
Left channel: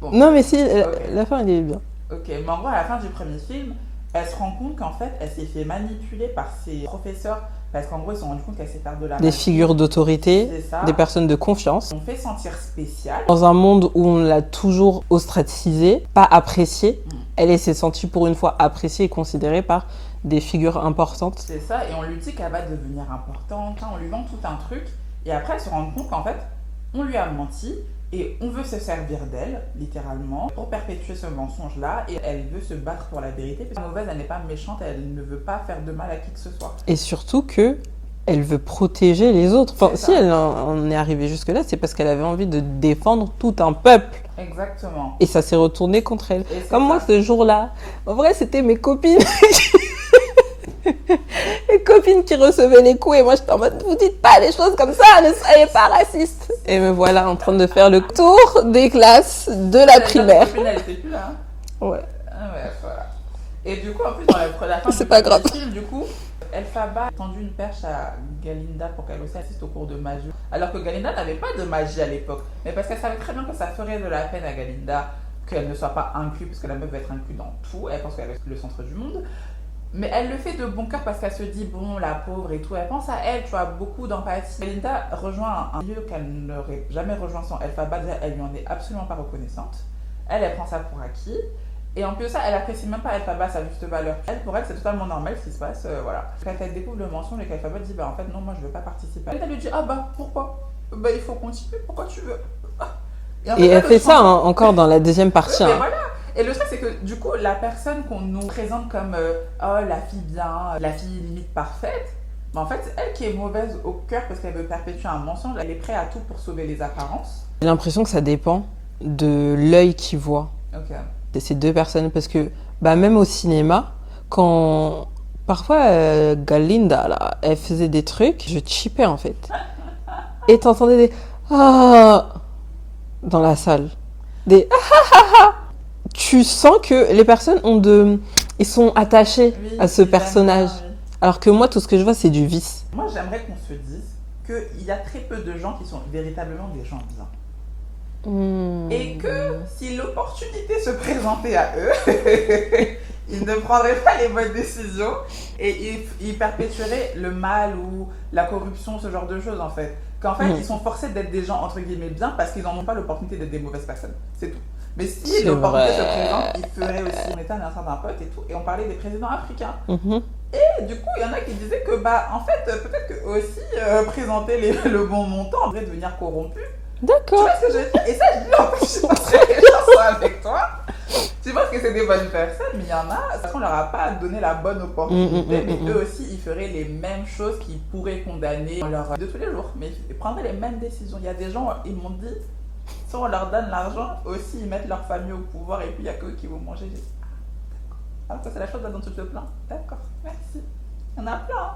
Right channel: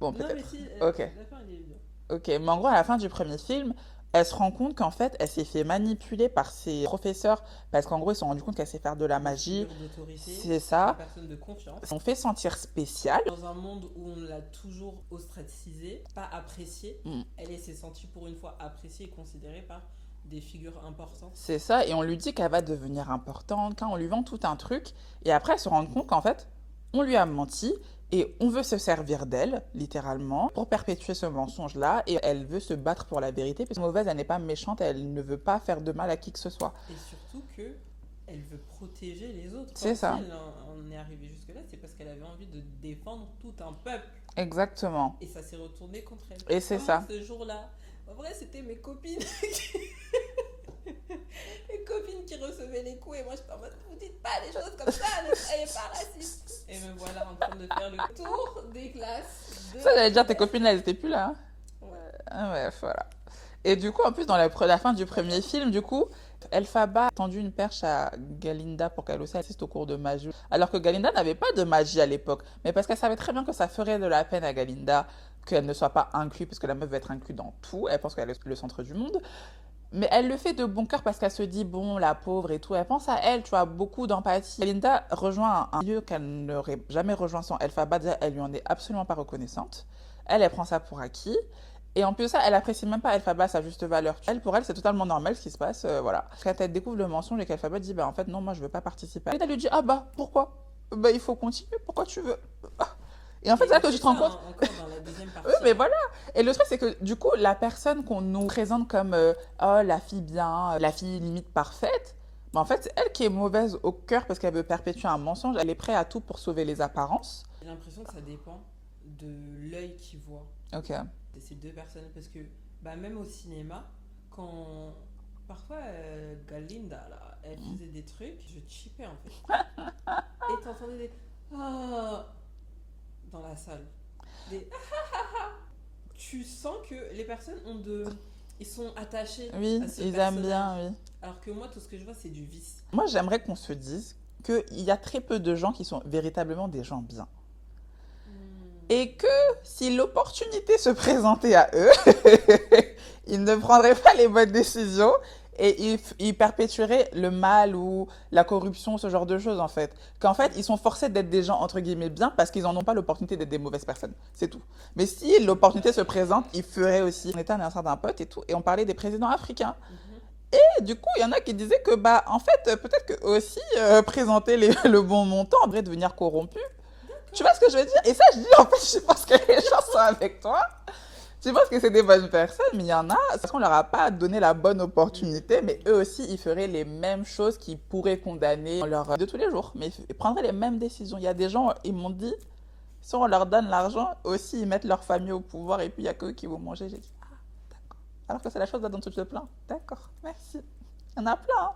bon, Non, mais si, ok. la fin, elle est bien. Ok, mais en gros, à la fin du premier film, elle se rend compte qu'en fait, elle s'est fait manipuler par ses professeurs parce qu'en gros, ils se sont rendus compte qu'elle sait faire de la Des magie. figures d'autorité, C'est ça. des personnes de confiance. On fait sentir spéciale. Dans un monde où on l'a toujours ostracisée, pas appréciée, elle s'est sentie pour une fois appréciée et considérée par des figures importantes. C'est ça, et on lui dit qu'elle va devenir importante, hein, on lui vend tout un truc, et après elle se rend compte qu'en fait, on lui a menti, et on veut se servir d'elle, littéralement, pour perpétuer ce mensonge-là, et elle veut se battre pour la vérité, parce que la mauvaise, elle n'est pas méchante, elle ne veut pas faire de mal à qui que ce soit. Et surtout que elle veut protéger les autres. Enfin, si elle en est arrivée jusque-là, c'est parce qu'elle avait envie de défendre tout un peuple. Exactement. Et ça s'est retourné contre elle. Et Comme moi, ce jour-là, en vrai, c'était mes copines. Les copines qui recevaient les coups et moi j'étais en mode vous dites pas les choses comme ça, ne soyez pas raciste. Et me voilà en train de faire le tour des classes de la primaire. Copine, elle était plus là. Hein. Ouais. Ah ouais, voilà. Et du coup, en plus, dans la fin du film, du coup, Elphaba a tendu une perche à Galinda pour qu'elle aussi assiste au cours de magie. Alors que Galinda n'avait pas de magie à l'époque. Mais parce qu'elle savait très bien que ça ferait de la peine à Galinda qu'elle ne soit pas inclue, parce que la meuf va être inclue dans tout. Elle pense qu'elle est le centre du monde. Mais elle le fait de bon cœur parce qu'elle se dit, bon, la pauvre et tout. Elle pense à elle, tu vois, beaucoup d'empathie. Galinda rejoint un lieu qu'elle n'aurait jamais rejoint sans Elphaba. Déjà, elle lui en est absolument pas reconnaissante. Elle prend ça pour acquis. Et en plus de ça, elle apprécie même pas Elphaba sa juste valeur. Pour elle, c'est totalement normal ce qui se passe, voilà. Quand elle découvre le mensonge et qu'Elphaba dit, bah en fait, non, moi je veux pas participer. Elle lui dit, ah bah, pourquoi? Bah il faut continuer, pourquoi tu veux? Et elle fait ça encore dans la deuxième partie. Mais voilà. Et le truc, c'est que du coup, la personne qu'on nous présente comme oh, la fille bien, la fille limite parfaite, mais en fait, c'est elle qui est mauvaise au cœur parce qu'elle veut perpétuer un mensonge. Elle est prête à tout pour sauver les apparences. J'ai l'impression que ça dépend de l'œil qui voit. Ok. De ces deux personnes. Parce que bah, même au cinéma, quand parfois Galinda, là, elle faisait des trucs, je chippais en fait. Et t'entendais des ah dans la salle. Des ah. Tu sens que les personnes ils sont attachés à ce personnage. Bien, oui. Alors que moi, tout ce que je vois, c'est du vice. Moi, j'aimerais qu'on se dise qu'il y a très peu de gens qui sont véritablement des gens bien. Et que si l'opportunité se présentait à eux, ils ne prendraient pas les bonnes décisions et ils perpétueraient le mal ou la corruption, ce genre de choses en fait. Qu'en fait, ils sont forcés d'être des gens entre guillemets bien parce qu'ils n'en ont pas l'opportunité d'être des mauvaises personnes. C'est tout. Mais si l'opportunité se présente, ils feraient aussi. On était un certain pote et tout, et on parlait des présidents africains. Et du coup, il y en a qui disaient que, bah, en fait, peut-être que aussi présenter le bon montant devrait devenir corrompu. D'accord. Tu vois ce que je veux dire? Et ça, je dis en plus, je pense que les gens sont avec toi. Tu penses que c'est des bonnes personnes, mais il y en a, parce qu'on leur a pas donné la bonne opportunité, mais eux aussi, ils feraient les mêmes choses qu'ils pourraient condamner de tous les jours. Mais ils prendraient les mêmes décisions. Il y a des gens, ils m'ont dit, si on leur donne l'argent, aussi ils mettent leur famille au pouvoir et puis il n'y a qu'eux qui vont manger. J'ai dit, ah, d'accord. Alors que c'est la chose dont tu te plains. D'accord, merci. Il y en a plein. Hein.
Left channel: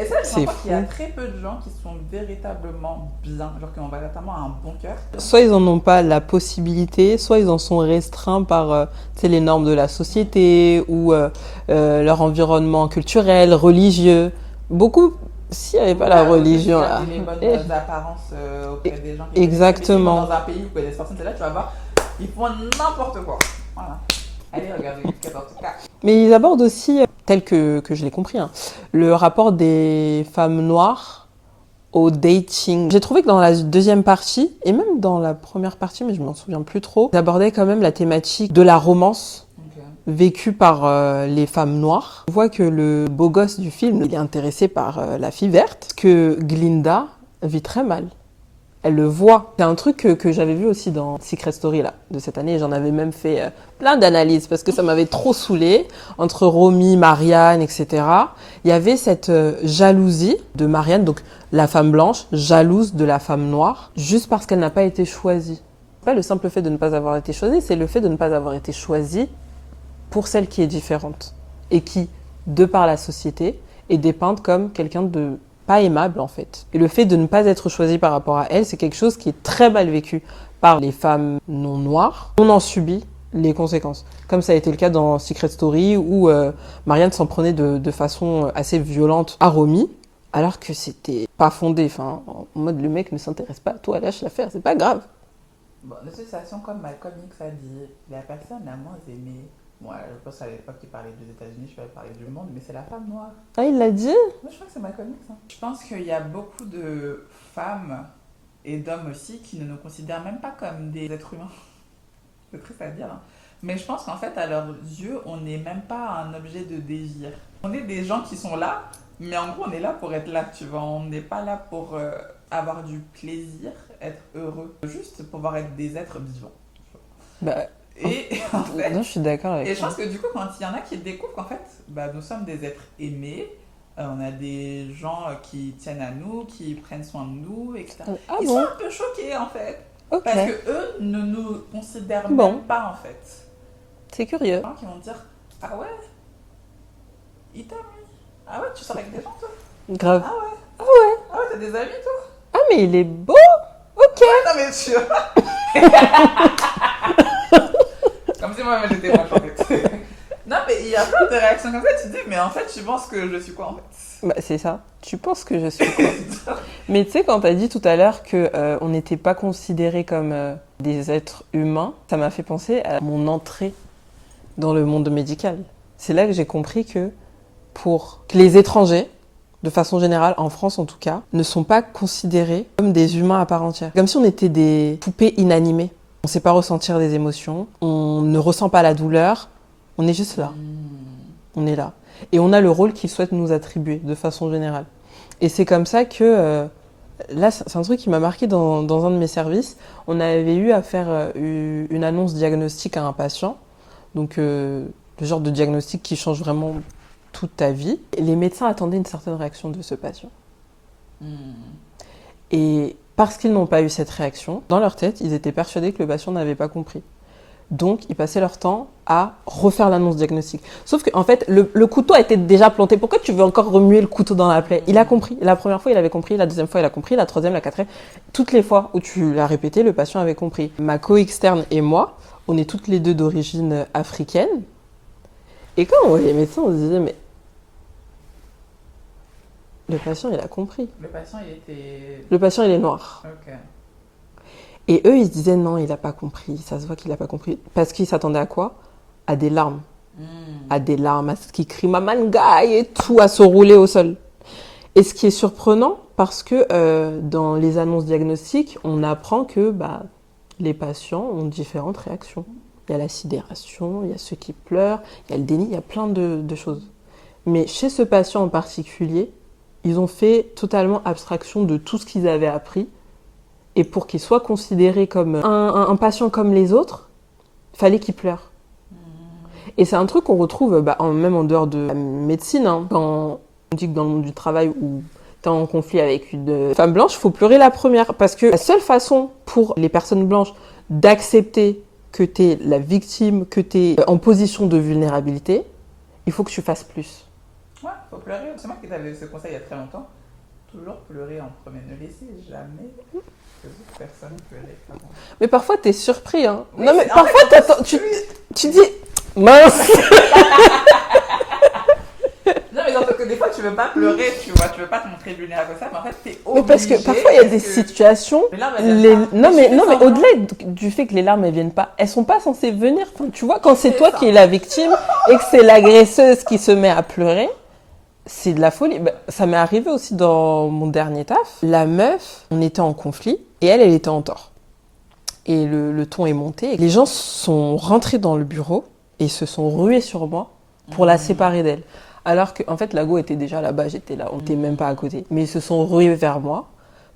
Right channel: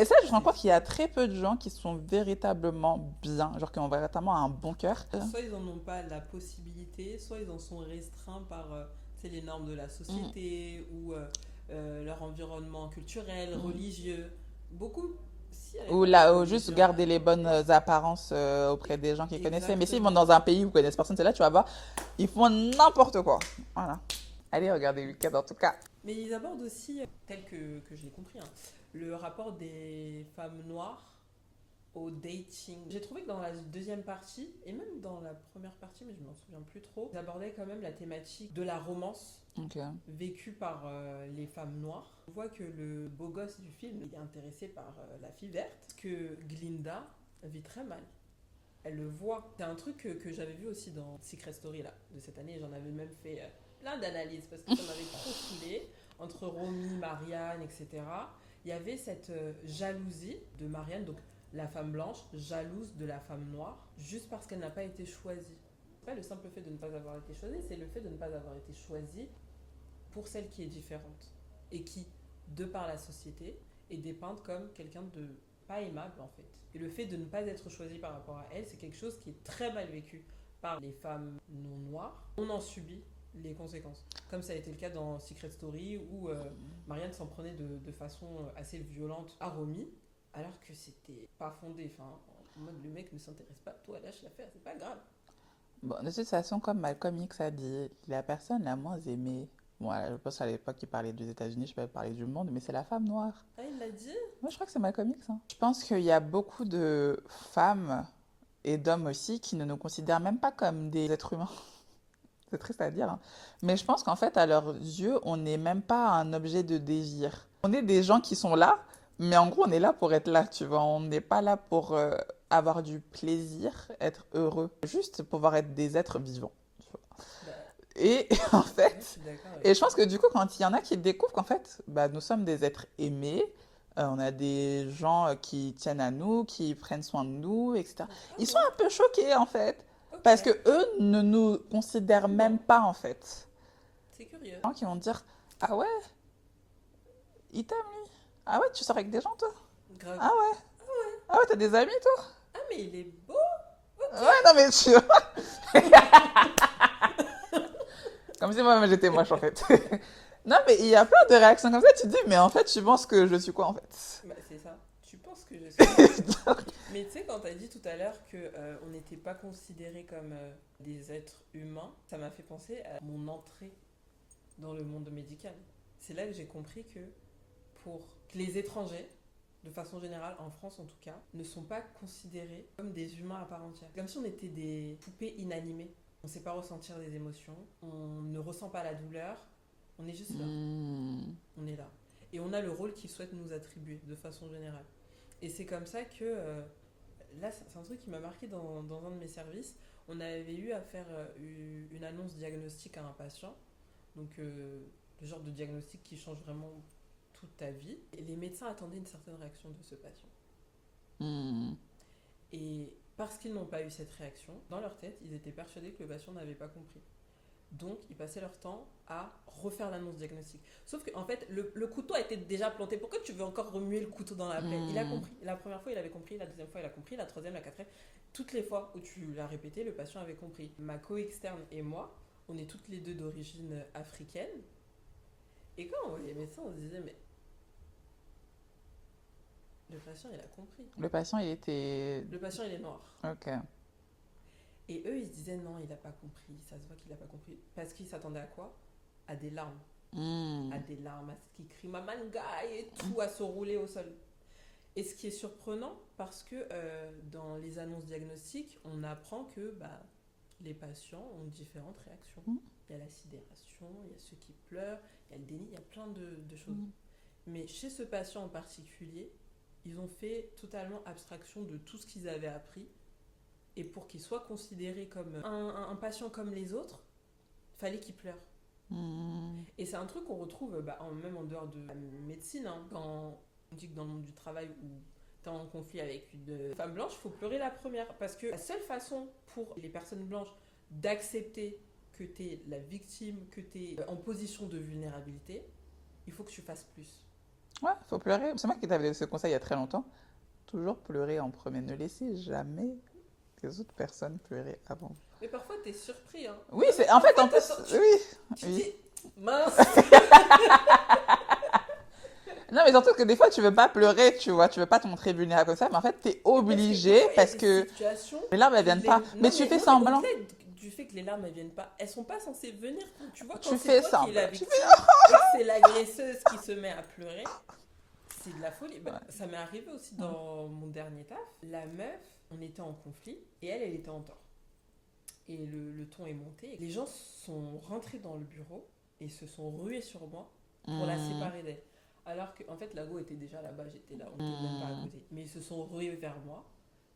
Et ça, je C'est crois qu'il y a fou. très peu de gens qui sont véritablement bien, genre qui ont véritablement un bon cœur. Soit ils en ont pas la possibilité, soit ils en sont restreints par tu sais, les normes de la société ou leur environnement culturel, religieux. Beaucoup, s'il n'y avait Ou pas la là, ou juste religion, garder les bonnes eh, apparences auprès des gens qui connaissent. Et s'ils vont exactement. dans un pays où ils connaissent personne, c'est là, tu vas voir, ils font n'importe quoi. Voilà. Allez, regardez le cadre en tout cas. Mais ils abordent aussi, tel que je l'ai compris, hein, le rapport des femmes noires au dating. J'ai trouvé que dans la deuxième partie, et même dans la première partie, mais je m'en souviens plus trop, ils abordaient quand même la thématique de la romance Ok. vécue par les femmes noires. On voit que le beau gosse du film, il est intéressé par la fille verte, que Glinda vit très mal. Elle le voit. C'est un truc que j'avais vu aussi dans Secret Story là, de cette année. J'en avais même fait plein d'analyses parce que ça m'avait trop saoulée. Entre Romy, Marianne, etc. Il y avait cette jalousie de Marianne, donc la femme blanche, jalouse de la femme noire, juste parce qu'elle n'a pas été choisie. Pas le simple fait de ne pas avoir été choisie, c'est le fait de ne pas avoir été choisie pour celle qui est différente et qui, de par la société, est dépeinte comme quelqu'un de pas aimable en fait. Et le fait de ne pas être choisi par rapport à elle, c'est quelque chose qui est très mal vécu par les femmes non noires. On en subit les conséquences. Comme ça a été le cas dans Secret Story où Marianne s'en prenait de façon assez violente à Romy, alors que c'était pas fondé. Enfin, en mode le mec ne s'intéresse pas à toi, lâche l'affaire, c'est pas grave. Bon, de toute façon, comme Malcolm X a dit, la personne la moins aimée, bon, je pense qu'à l'époque il parlait des États-Unis, je peux parler du monde, mais c'est la femme noire. Ah, il l'a dit? Moi, je crois que c'est Malcolm X. Hein. Je pense qu'il y a beaucoup de femmes et d'hommes aussi qui ne nous considèrent même pas comme des êtres humains. C'est triste à dire. Hein. Mais je pense qu'en fait, à leurs yeux, on n'est même pas un objet de désir. On est des gens qui sont là, mais en gros, on est là pour être là, tu vois. On n'est pas là pour avoir du plaisir, être heureux. Juste pouvoir être des êtres vivants. Bah, Et en fait, non, je suis d'accord avec et je toi. pense que du coup, quand il y en a qui découvrent qu'en fait, bah, nous sommes des êtres aimés, on a des gens qui tiennent à nous, qui prennent soin de nous, etc. Ah Ils sont bon? un peu choqués en fait, Ok. parce que eux ne nous considèrent Bon. même pas en fait. C'est curieux. Des gens qui vont dire ah ouais, il t'aime lui. Ah ouais, tu sors avec des gens toi. Grave. Ah ouais, Ah ouais. ah ouais, t'as des amis toi. Ah, mais il est beau. Ok. Ouais, non mais tu. Comme si moi j'étais moche en fait. Non mais il y a plein de réactions comme ça, tu te dis mais en fait tu penses que je suis quoi en fait. Bah, c'est ça. Tu penses que je suis quoi? Mais tu sais, quand t'as dit tout à l'heure que on n'était pas considérés comme des êtres humains, ça m'a fait penser à mon entrée dans le monde médical. C'est là que j'ai compris que que les étrangers, de façon générale, en France en tout cas, ne sont pas considérés comme des humains à part entière. Comme si on était des poupées inanimées. On ne sait pas ressentir des émotions, on ne ressent pas la douleur, on est juste là. On est là. Et on a le rôle qu'ils souhaitent nous attribuer, de façon générale. Et c'est comme ça que, là, c'est un truc qui m'a marqué dans un de mes services. On avait eu à faire une annonce diagnostique à un patient. Donc, le genre de diagnostic qui change vraiment toute ta vie. Et les médecins attendaient une certaine réaction de ce patient. Et parce qu'ils n'ont pas eu cette réaction, dans leur tête, ils étaient persuadés que le patient n'avait pas compris. Donc, ils passaient leur temps à refaire l'annonce diagnostique. Sauf qu'en fait, le couteau a été déjà planté. Pourquoi tu veux encore remuer le couteau dans la plaie? Il a compris. La première fois, il avait compris. La deuxième fois, il a compris. La troisième, la quatrième. Toutes les fois où tu l'as répété, le patient avait compris. Ma co-externe et moi, on est toutes les deux d'origine africaine. Et quand on voyait les médecins, on se disait, mais le patient, il a compris. Le patient il était. Le patient, il est noir. Ok. Et eux, ils se disaient, non, il n'a pas compris. Ça se voit qu'il n'a pas compris. Parce qu'ils s'attendaient à quoi? À des larmes. À des larmes, à ce qui crie Maman Guy et tout, à se rouler au sol. Et ce qui est surprenant, parce que dans les annonces diagnostiques, on apprend que les patients ont différentes réactions. Il y a la sidération, il y a ceux qui pleurent, il y a le déni, il y a plein de choses. Mais chez ce patient en particulier, ils ont fait totalement abstraction de tout ce qu'ils avaient appris. Et pour qu'il soit considéré comme un patient comme les autres, il fallait qu'il pleure. Et c'est un truc qu'on retrouve même en dehors de la médecine. Hein. Quand on dit que dans le monde du travail où tu es en conflit avec une femme blanche, il faut pleurer la première. Parce que la seule façon pour les personnes blanches d'accepter que tu es la victime, que tu es en position de vulnérabilité, il faut que tu fasses plus. Ouais, faut pleurer. C'est moi qui t'avais ce conseil il y a très longtemps. Toujours pleurer en premier. Ne laissez jamais les autres personnes pleurer avant. Mais parfois, t'es surpris, hein. Oui, Non, mais en parfois, fait, tu dis, mince. non, mais que des fois, tu veux pas pleurer, tu vois, tu veux pas te montrer vulnérable comme ça, mais en fait, t'es obligé. Mais parce que parfois, il y a des situations. Les larmes, elles viennent pas. Non, Mais mais semblant. au-delà du fait que les larmes, elles viennent pas, elles sont pas censées venir. Enfin, tu vois, quand c'est fais toi ça. qui es la victime et que c'est l'agresseuse qui se met à pleurer, c'est de la folie. Ben, ça m'est arrivé aussi dans mon dernier taf. La meuf, on était en conflit et elle était en tort. Et le ton est monté. Les gens sont rentrés dans le bureau et se sont rués sur moi pour la séparer d'elle. Alors que, en fait, la go était déjà là-bas, j'étais là, on n'était même pas à côté. Mais ils se sont rués vers moi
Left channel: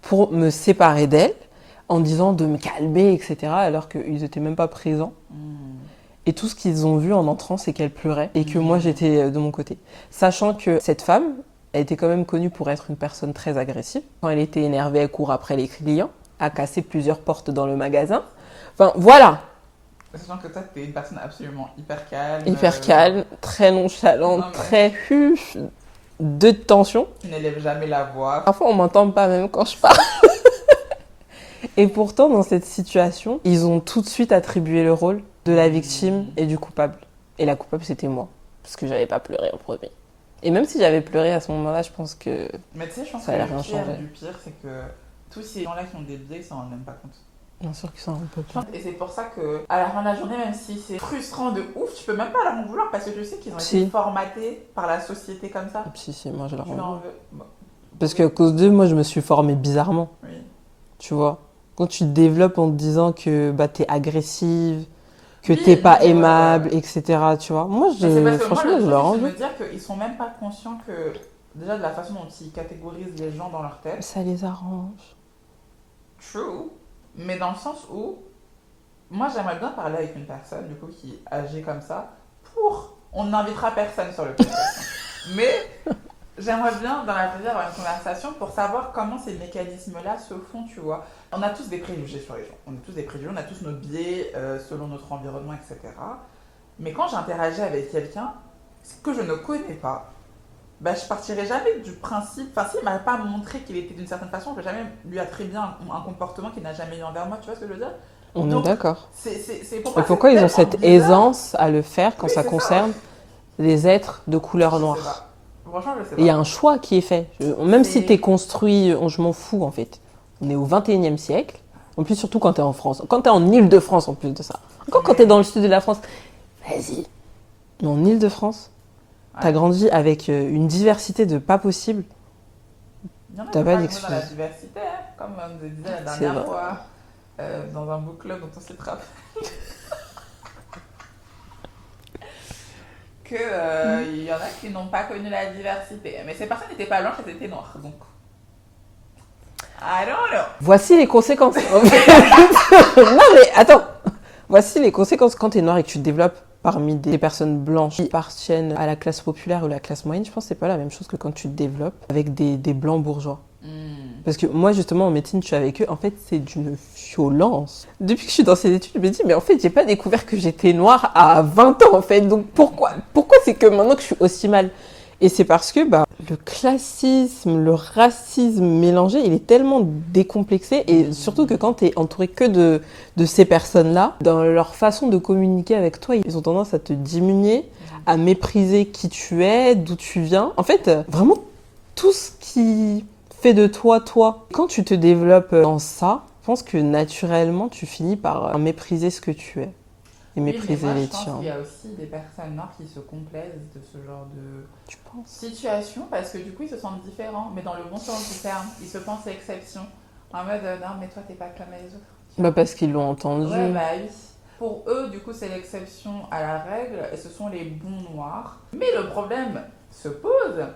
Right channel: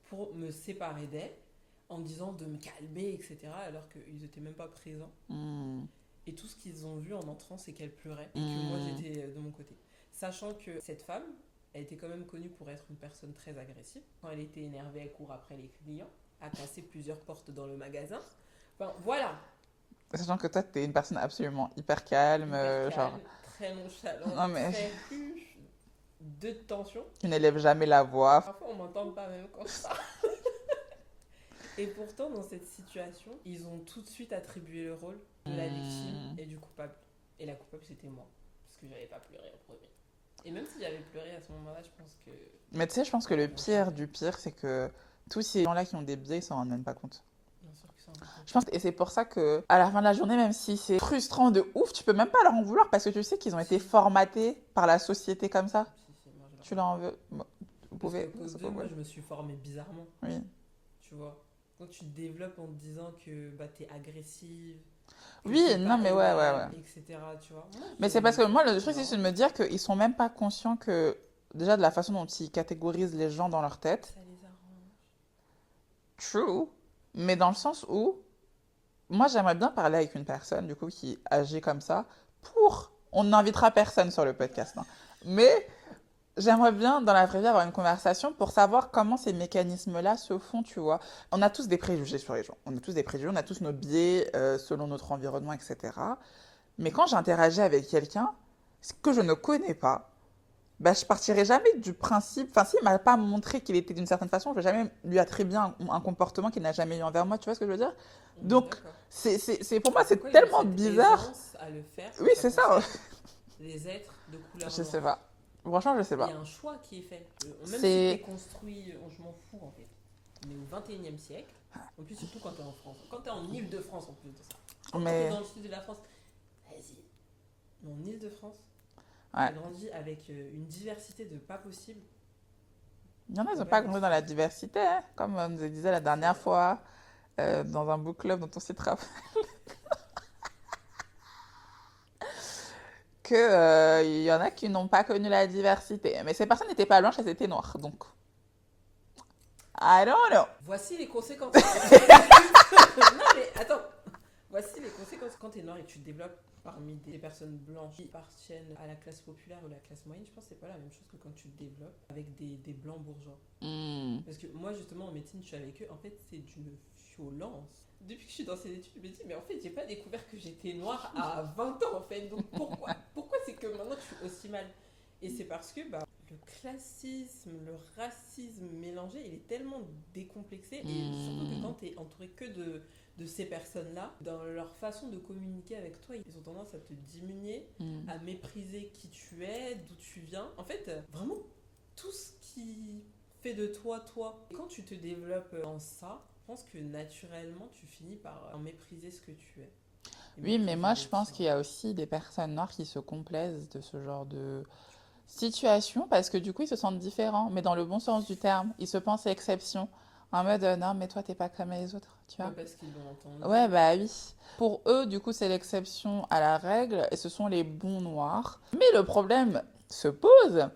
pour me séparer d'elle en disant de me calmer, etc. Alors qu'ils n'étaient même pas présents. Et tout ce qu'ils ont vu en entrant, c'est qu'elle pleurait et que moi, j'étais de mon côté. Sachant que cette femme, elle était quand même connue pour être une personne très agressive. Quand elle était énervée, elle court après les clients, a cassé plusieurs portes dans le magasin. Enfin, voilà. Sachant que toi, t'es une personne absolument hyper calme. Hyper calme, très nonchalante, Non, mais- très de tension. Tu n'élèves jamais la voix. Parfois, on m'entend pas même quand je parle. Et pourtant, dans cette situation, ils ont tout de suite attribué le rôle de la victime et du coupable. Et la coupable, c'était moi, parce que j'avais pas pleuré en premier. Et même si j'avais pleuré à ce moment-là, je pense que... Mais tu sais, je pense Ça que a le rien pire changé. du pire, c'est que tous ces gens-là qui ont des biais, ils s'en rendent même pas compte. Bien sûr qu'ils s'en rendent pas Je pense- Et c'est pour ça que, à la fin de la journée, même si c'est frustrant de ouf, tu peux même pas leur en vouloir parce que tu sais qu'ils ont Si. été formatés par la société comme ça. Si, moi je leur Tu rends. leur veux. Bon. Parce qu'à cause d'eux, moi je me suis formée bizarrement, Oui. tu vois. Quand tu te développes en te disant que bah, t'es agressive, que Oui, t'es pas mais ouais, aimable, ouais. etc. Tu vois. Moi, Mais c'est parce que moi, franchement, le je truc, leur c'est rends. de me dire qu'ils sont même pas conscients que, déjà de la façon dont ils catégorisent les gens dans leur tête, Ça les arrange. true, mais dans le sens où, moi j'aimerais bien parler avec une personne, du coup, qui agit comme ça, on n'invitera personne sur le podcast, hein. Mais j'aimerais bien, dans la vraie vie, avoir une conversation pour savoir comment ces mécanismes-là se font, tu vois. On a tous des préjugés sur les gens, on a tous des préjugés, on a tous nos biais selon notre environnement, etc. Mais quand j'interagis avec quelqu'un que je ne connais pas, bah, je partirai jamais du principe. Enfin, s'il m'a pas montré qu'il était d'une certaine façon, je vais jamais lui attribuer un comportement qu'il n'a jamais eu envers moi. Tu vois ce que je veux dire? On Donc, est d'accord. c'est pour Mais moi. pourquoi c'est ils ont tellement cette bizarre. aisance à le faire quand Oui, ça c'est ça. concerne les êtres de Je couleur sais noire? pas. Franchement, je sais Et il y a pas. un choix qui est fait. Même si C'est- t'es construit, je m'en fous en fait. On est au 21e siècle. En plus, surtout quand t'es en France. Quand t'es en Île-de-France en plus de ça. Encore quand Mais- t'es dans le sud de la France. Vas-y. Mais en Île-de-France, t'as Ouais. grandi avec une diversité de pas possible. Il y en a qui T'as n'ont pas pas d'excuse. grandi dans la diversité, hein, comme on nous disait la C'est dernière vrai. fois, dans un book club dont on s'est rappelé. Il y en a qui n'ont pas connu la diversité. Mais ces personnes n'étaient pas blanches, elles étaient noires. Donc, I don't know. Voici les conséquences. Non mais attends. Voici les conséquences quand t'es noir et que tu te développes parmi des personnes blanches qui appartiennent à la classe populaire ou la classe moyenne. Je pense que c'est pas la même chose que quand tu te développes avec des blancs bourgeois. Parce que moi, justement, en médecine, je suis avec eux. En fait, c'est d'une violence. Depuis que je suis dans ces études, je me dis, mais en fait, j'ai pas découvert que j'étais noire à 20 ans, en fait. Donc, pourquoi c'est que maintenant que je suis aussi mal? Et c'est parce que bah, le classisme, le racisme mélangé, il est tellement décomplexé. Et surtout que quand tu es entouré que de ces personnes-là, dans leur façon de communiquer avec toi, ils ont tendance à te diminuer, à mépriser qui tu es, d'où tu viens. En fait, vraiment, tout ce qui fait de toi, toi. Quand tu te développes dans ça, je pense que naturellement, tu finis par mépriser ce que tu es. Et Oui, mais mépriser moi, je les pense tiens. qu'il y a aussi des personnes noires qui se complaisent de ce genre de Tu penses? situation parce que du coup, ils se sentent différents, mais dans le bon sens du terme. Ils se pensent exception. En mode, non, mais toi, t'es pas comme les autres. Tu vois. Bah parce qu'ils l'ont entendu. Ouais, bah oui. Pour eux, du coup, c'est l'exception à la règle et ce sont les bons noirs. Mais le problème se pose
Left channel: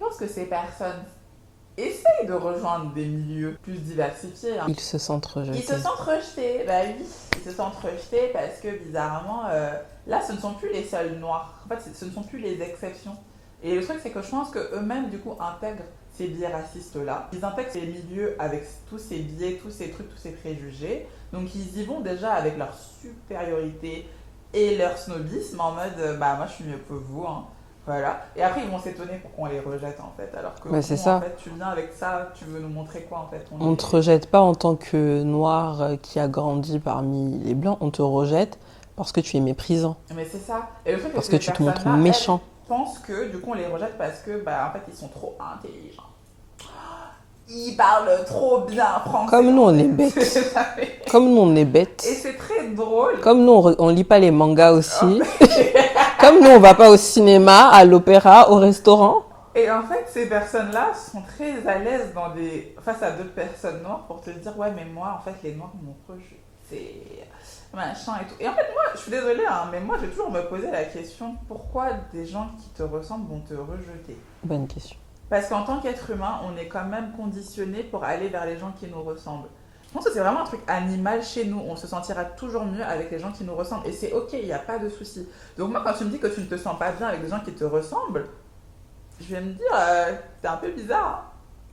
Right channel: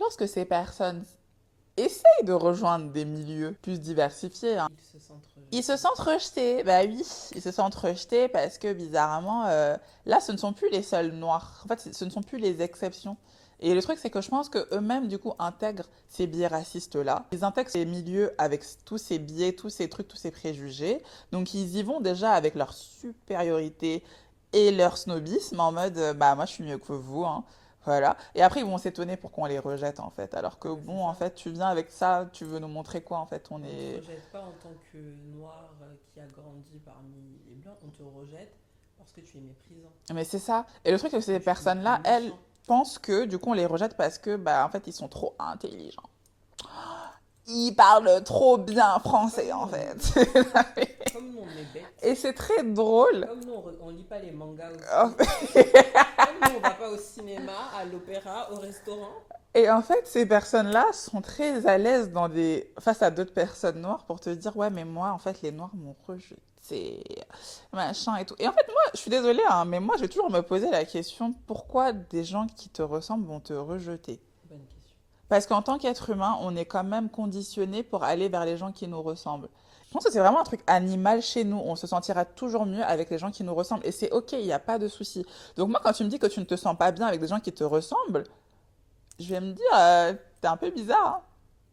lorsque ces personnes essayent de rejoindre des milieux plus diversifiés, hein. Ils se sentent rejetés. Ils se sentent rejetés, bah oui, ils se sentent rejetés parce que bizarrement, là, ce ne sont plus les seuls noirs. En fait, ce ne sont plus les exceptions. Et le truc, c'est que je pense qu'eux-mêmes, du coup, intègrent ces biais racistes-là. Ils intègrent ces milieux avec tous ces biais, tous ces trucs, tous ces préjugés. Donc, ils y vont déjà avec leur supériorité et leur snobisme en mode, bah moi, je suis mieux que vous, hein. Voilà. Et après, ils vont s'étonner pourquoi on les rejette, en fait. Alors que, Bah, c'est en ça. fait, tu viens avec ça, tu veux nous montrer quoi, en fait? On ne te rejette pas en tant que noir qui a grandi parmi les blancs, on te rejette parce que tu es méprisant, Mais c'est ça. Et le truc, c'est que parce que ces tu te montres personnes-là, elles, méchant. pensent que, du coup, on les rejette parce que, bah, en fait, ils sont trop intelligents. Ils parlent trop bien français, Comme nous, en on est fait. bêtes. Comme nous, on est Et bêtes. c'est très drôle. Comme nous, on lit pas les mangas aussi. En Comme nous, on va pas au cinéma, à l'opéra, au restaurant. Et en fait, ces personnes-là sont très à l'aise face à d'autres personnes noires pour te dire, ouais, mais moi, en fait, les noirs m'ont rejeté, machin et tout. Et en fait, moi, je suis désolée, hein, mais moi, je vais toujours me poser la question, pourquoi des gens qui te ressemblent vont te rejeter? Bonne question. Parce qu'en tant qu'être humain, on est quand même conditionné pour aller vers les gens qui nous ressemblent. Je pense que c'est vraiment un truc animal chez nous. On se sentira toujours mieux avec les gens qui nous ressemblent. Et c'est ok, il n'y a pas de souci. Donc moi, quand tu me dis que tu ne te sens pas bien avec des gens qui te ressemblent, je vais me dire, t'es un peu bizarre.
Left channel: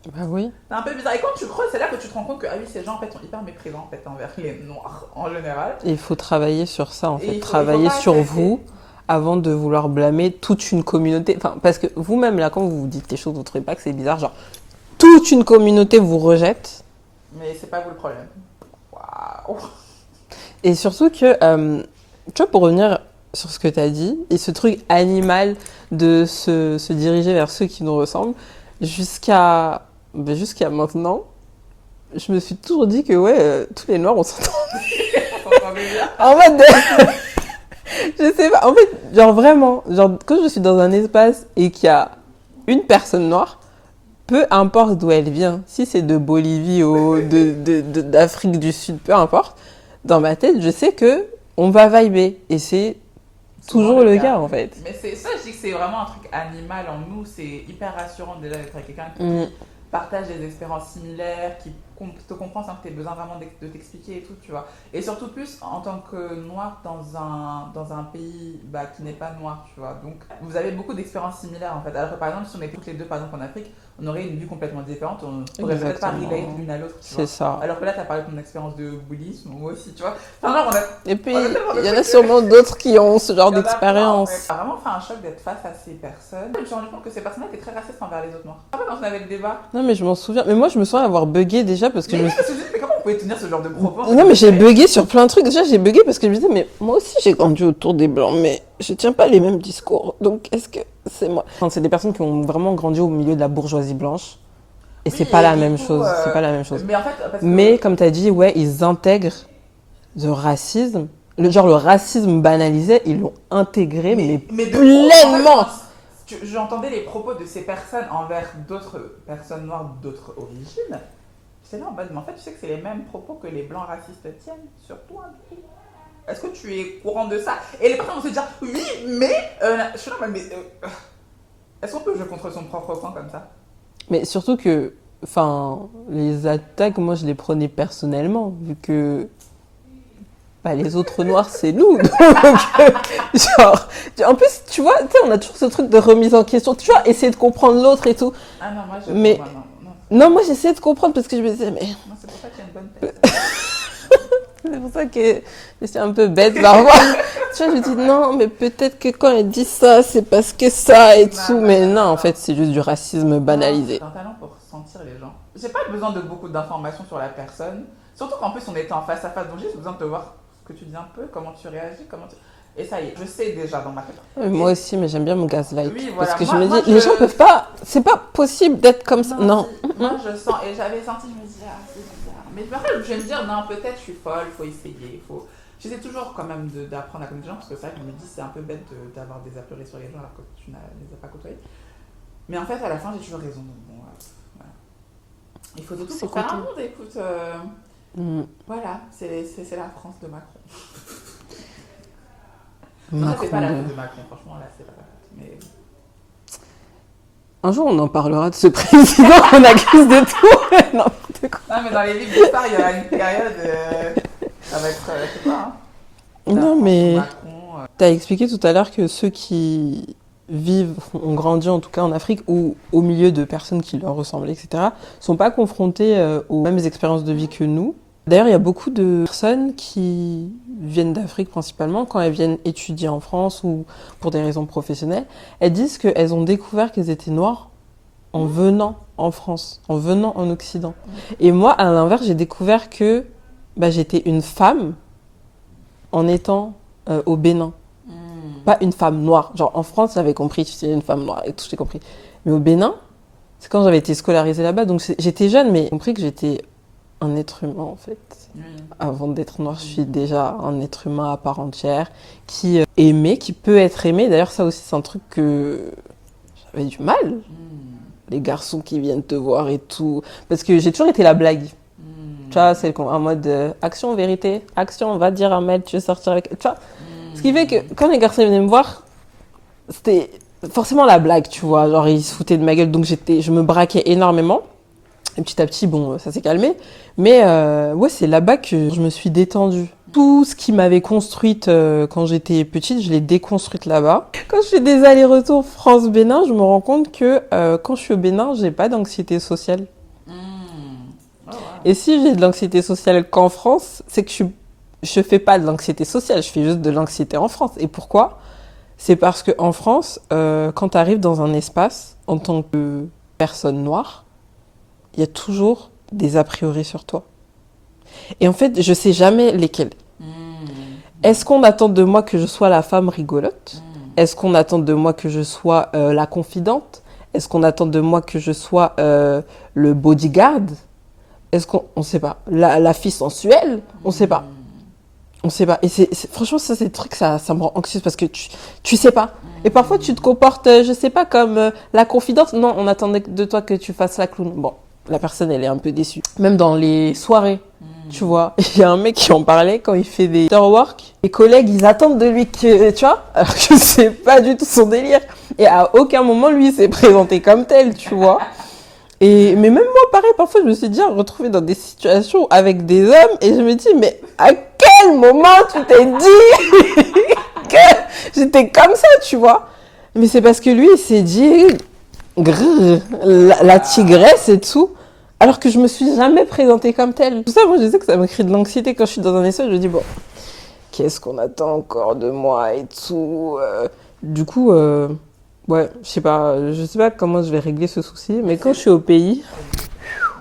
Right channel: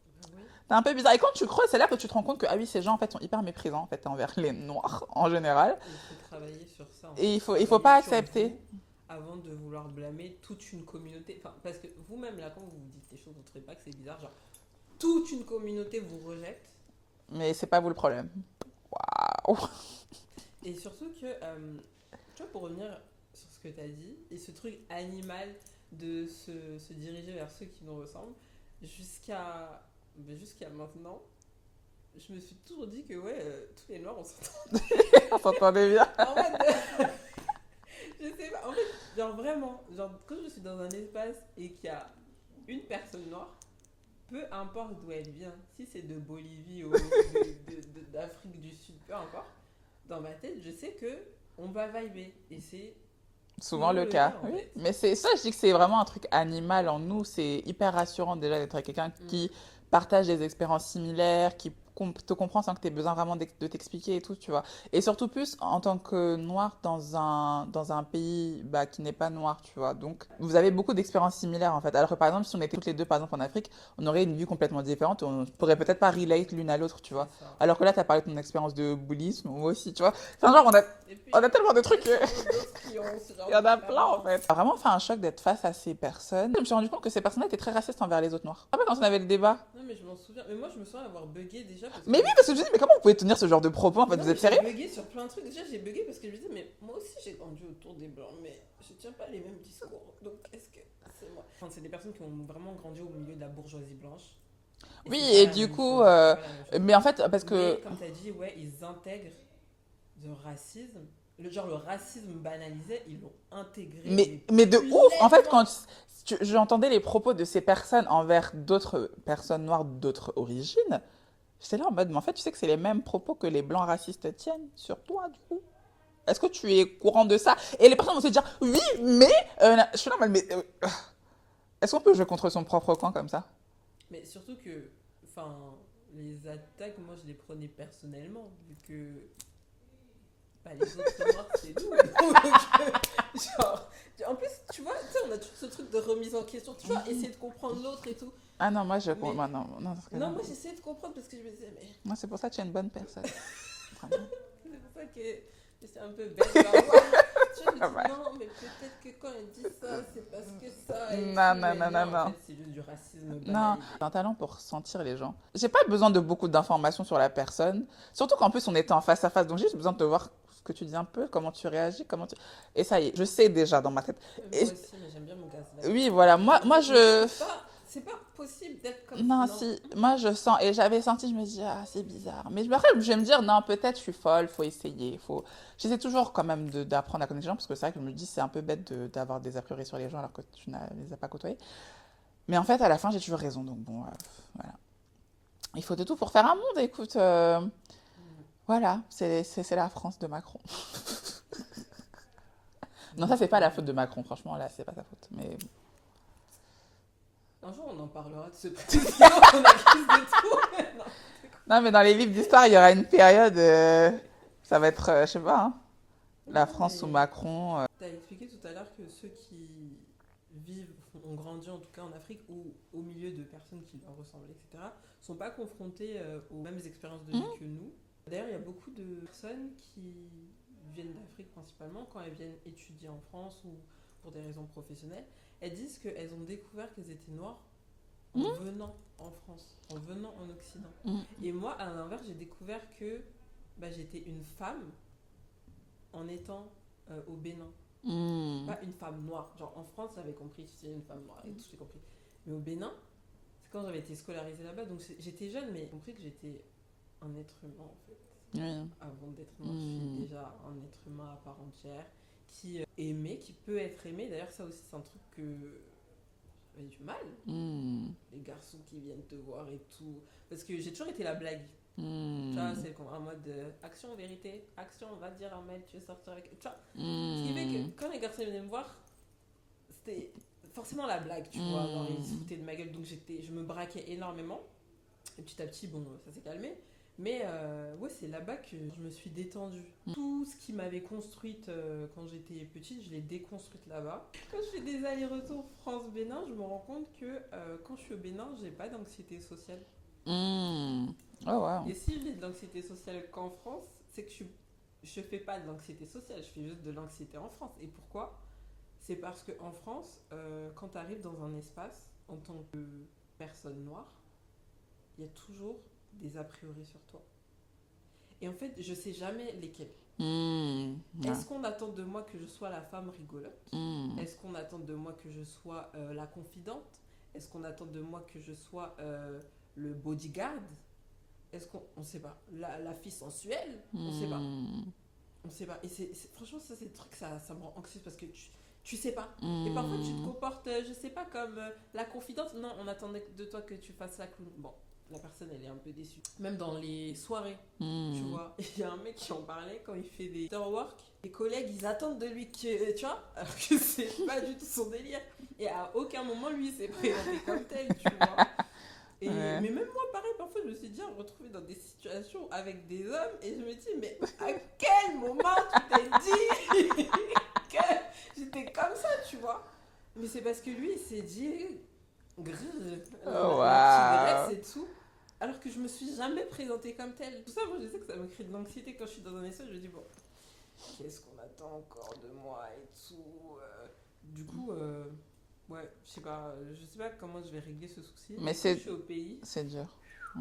Hein. Bah oui. T'es un peu bizarre. Et quand tu creuses, c'est là que tu te rends compte que ah oui, ces gens en fait sont hyper méprisants en fait, envers les noirs en général. Et il faut travailler sur ça, en Et fait. il faut Travailler pas sur accepter. vous avant de vouloir blâmer toute une communauté. Enfin, parce que vous-même, là, quand vous vous dites les choses, vous ne trouvez pas que c'est bizarre. Genre, toute une communauté vous rejette. Mais c'est pas vous le problème. Waouh. Et surtout que, tu vois, pour revenir sur ce que tu as dit, et ce truc animal de se diriger vers ceux qui nous ressemblent, jusqu'à maintenant, je me suis toujours dit que, ouais, tous les noirs, on s'entend. On s'entendait bien. En mode de... Je sais pas, en fait, genre vraiment, genre quand je suis dans un espace et qu'il y a une personne noire, peu importe d'où elle vient, si c'est de Bolivie ou d'Afrique du Sud, peu importe, dans ma tête, je sais que on va vibrer. Et c'est Souvent toujours le cas, en fait. Mais c'est ça, je dis que c'est vraiment un truc animal en nous. C'est hyper rassurant déjà d'être avec quelqu'un qui partage des expériences similaires, qui te comprend sans que tu aies besoin vraiment de t'expliquer et tout, tu vois. Et surtout plus en tant que noir dans un pays bah, qui n'est pas noir, tu vois. Donc vous avez beaucoup d'expériences similaires en fait. Alors que par exemple, si on était toutes les deux par exemple en Afrique, on aurait une vie complètement différente. On pourrait peut-être pas relate l'une à l'autre, tu vois. C'est ça. Alors que là, tu as parlé de ton expérience de bouddhisme, moi aussi, tu vois. Enfin, genre, Et puis, on a tellement de il y en a trucs. sûrement d'autres qui ont ce genre Il y en a plein, d'expérience. en fait. Ça a vraiment fait un choc d'être face à ces personnes. Je me suis rendu compte que ces personnes étaient très racistes envers les autres noirs. Après, quand on avait le débat. Non, mais je m'en souviens. Mais moi, je me souviens avoir bugué déjà parce que Mais, parce que je me disais, mais comment vous pouvez tenir ce genre de propos en fait, non, mais j'ai bugué sur plein de trucs. Déjà, j'ai bugué parce que je me disais, mais moi aussi, j'ai grandi autour des blancs, mais je tiens pas les mêmes discours. Donc, est-ce que c'est moi? Enfin, c'est des personnes qui ont vraiment grandi au milieu de la bourgeoisie blanche. Et Oui, c'est pas et la du même coup, chose. C'est pas la même chose. Mais en fait, parce que. Mais comme tu as dit, ouais, ils intègrent le racisme. Le racisme banalisé, ils l'ont intégré, mais de pleinement. En fait, j'entendais les propos de ces personnes envers d'autres personnes noires d'autres origines. J'étais là en mode, mais en fait, tu sais que c'est les mêmes propos que les blancs racistes tiennent sur toi, du coup. Est-ce que tu es courant de ça? Et les personnes vont se dire, oui, mais. Je suis là, mais. Est-ce qu'on peut jouer contre son propre camp comme ça? Mais surtout que, enfin, les attaques, moi, je les prenais personnellement, vu que bah, les autres noirs, c'est nous. Donc, genre, en plus, tu vois, on a toujours ce truc de remise en question. Tu vois, essayer de comprendre l'autre et tout. Ah non, moi, je. Mais- Moi, non. Non, moi, j'essayais de comprendre parce que je me disais, mais Non, c'est pour ça que tu es une bonne personne. c'est pour ça que je suis un peu bête parfois. Tu vois, je dis non, mais peut-être que quand elle dit ça, c'est parce que ça et Non, tout. non, Mais non, non, non, en non. fait, c'est juste du racisme banalisé. C'est un talent pour sentir les gens. J'ai pas besoin de beaucoup d'informations sur la personne. Surtout qu'en plus, on était en face à face. Donc, j'ai juste besoin de te voir ce que tu dis un peu, comment tu réagis, Et ça y est, je sais déjà dans ma tête. Moi aussi, mais j'aime bien mon gaslight. Oui, voilà. Parce que Moi- je me moi, dis, les gens peuvent pas. C'est pas possible d'être comme ça. Non. Si, moi, je sens. Et j'avais senti, je me dis, ah, c'est bizarre. Mais après, je vais me dire, non, peut-être je suis folle, faut essayer. J'essaie toujours quand même d'apprendre à connaître les gens parce que c'est vrai que je me dis, c'est un peu bête d'avoir des a priori sur les gens alors que tu ne les as pas côtoyés. Mais en fait, à la fin, j'ai toujours raison. Donc bon, voilà. Il faut de tout pour faire un monde, écoute. Voilà, c'est la France de Macron. Non, ça, c'est pas la faute de Macron, franchement, là, c'est pas sa faute. Mais... Un jour, on en parlera de ce président qu'on accuse de tout. N'importe quoi. Non, mais dans les livres d'histoire, il y aura une période. Ça va être, je sais pas. Hein, Non, mais Macron, t'as expliqué tout à l'heure que ceux qui ont grandi en tout cas en Afrique ou au milieu de personnes qui leur ressemblent, etc., sont pas confrontés aux mêmes expériences de vie que nous. D'ailleurs, il y a beaucoup de personnes qui viennent d'Afrique principalement, quand elles viennent étudier en France ou pour des raisons professionnelles, elles disent qu'elles ont découvert qu'elles étaient noires en venant en France, en venant en Occident. Et moi, à l'inverse, j'ai découvert que j'étais une femme en étant au Bénin. Pas une femme noire. Genre en France, j'avais compris, tu sais, une femme noire et tout, j'ai compris. Mais au Bénin, c'est quand j'avais été scolarisée là-bas, donc j'étais jeune, mais j'ai compris que j'étais un être humain en fait. Avant d'être noire, je suis déjà un être humain à part entière, qui aimait, qui peut être aimé. D'ailleurs, ça aussi, c'est un truc que j'avais du mal. Les garçons qui viennent te voir et tout. Parce que j'ai toujours été la blague. Tu vois, c'est en mode action, vérité, action, on va dire à Mel, tu veux sortir avec. Tu vois. Ce qui fait que quand les garçons venaient me voir, c'était forcément la blague, tu vois. Genre, ils se foutaient de ma gueule, donc je me braquais énormément. Et petit à petit, bon, ça s'est calmé. Mais ouais, c'est là-bas que je me suis détendue. Tout ce qui m'avait construite quand j'étais petite, je l'ai déconstruite là-bas. Quand je fais des allers-retours France-Bénin, je me rends compte que quand je suis au Bénin, j'ai pas d'anxiété sociale. Oh, wow. Et si j'ai de l'anxiété sociale qu'en France, c'est que je fais pas de l'anxiété sociale, je fais juste de l'anxiété en France. Et pourquoi ? C'est parce qu'en France, quand tu arrives dans un espace, en tant que personne noire, il y a toujours des a priori sur toi. Et en fait, je sais jamais lesquels. Est-ce qu'on attend de moi que je sois la femme rigolote ? Est-ce qu'on attend de moi que je sois la confidente ? Est-ce qu'on attend de moi que je sois le bodyguard ? Est-ce qu'on ne sait pas. La fille sensuelle ? On ne sait pas. On sait pas. Et franchement, ça, c'est des trucs, ça me rend anxieuse parce que tu sais pas. Et parfois, tu te comportes, je sais pas, comme la confidente. Non, on attendait de toi que tu fasses la clown. Bon, la personne, elle est un peu déçue. Même dans les soirées, tu vois. Il y a un mec qui en parlait quand il fait des after-work. Les collègues, ils attendent de lui que, tu vois, alors que c'est pas du tout son délire. Et à aucun moment, lui, il s'est présenté comme tel, tu vois. Mais même moi, pareil, parfois, je me suis déjà retrouvée dans des situations avec des hommes et je me dis, mais à quel moment tu t'es dit que j'étais comme ça, tu vois? Mais c'est parce que lui, il s'est dit, grrr, la tigresse et tout, alors que je me suis jamais présentée comme telle. Tout ça, moi, je sais que ça me crée de l'anxiété quand je suis dans un espace, je me dis, bon, qu'est-ce qu'on attend encore de moi et tout. Du coup, ouais, je sais pas comment je vais régler ce souci, mais quand je suis au pays,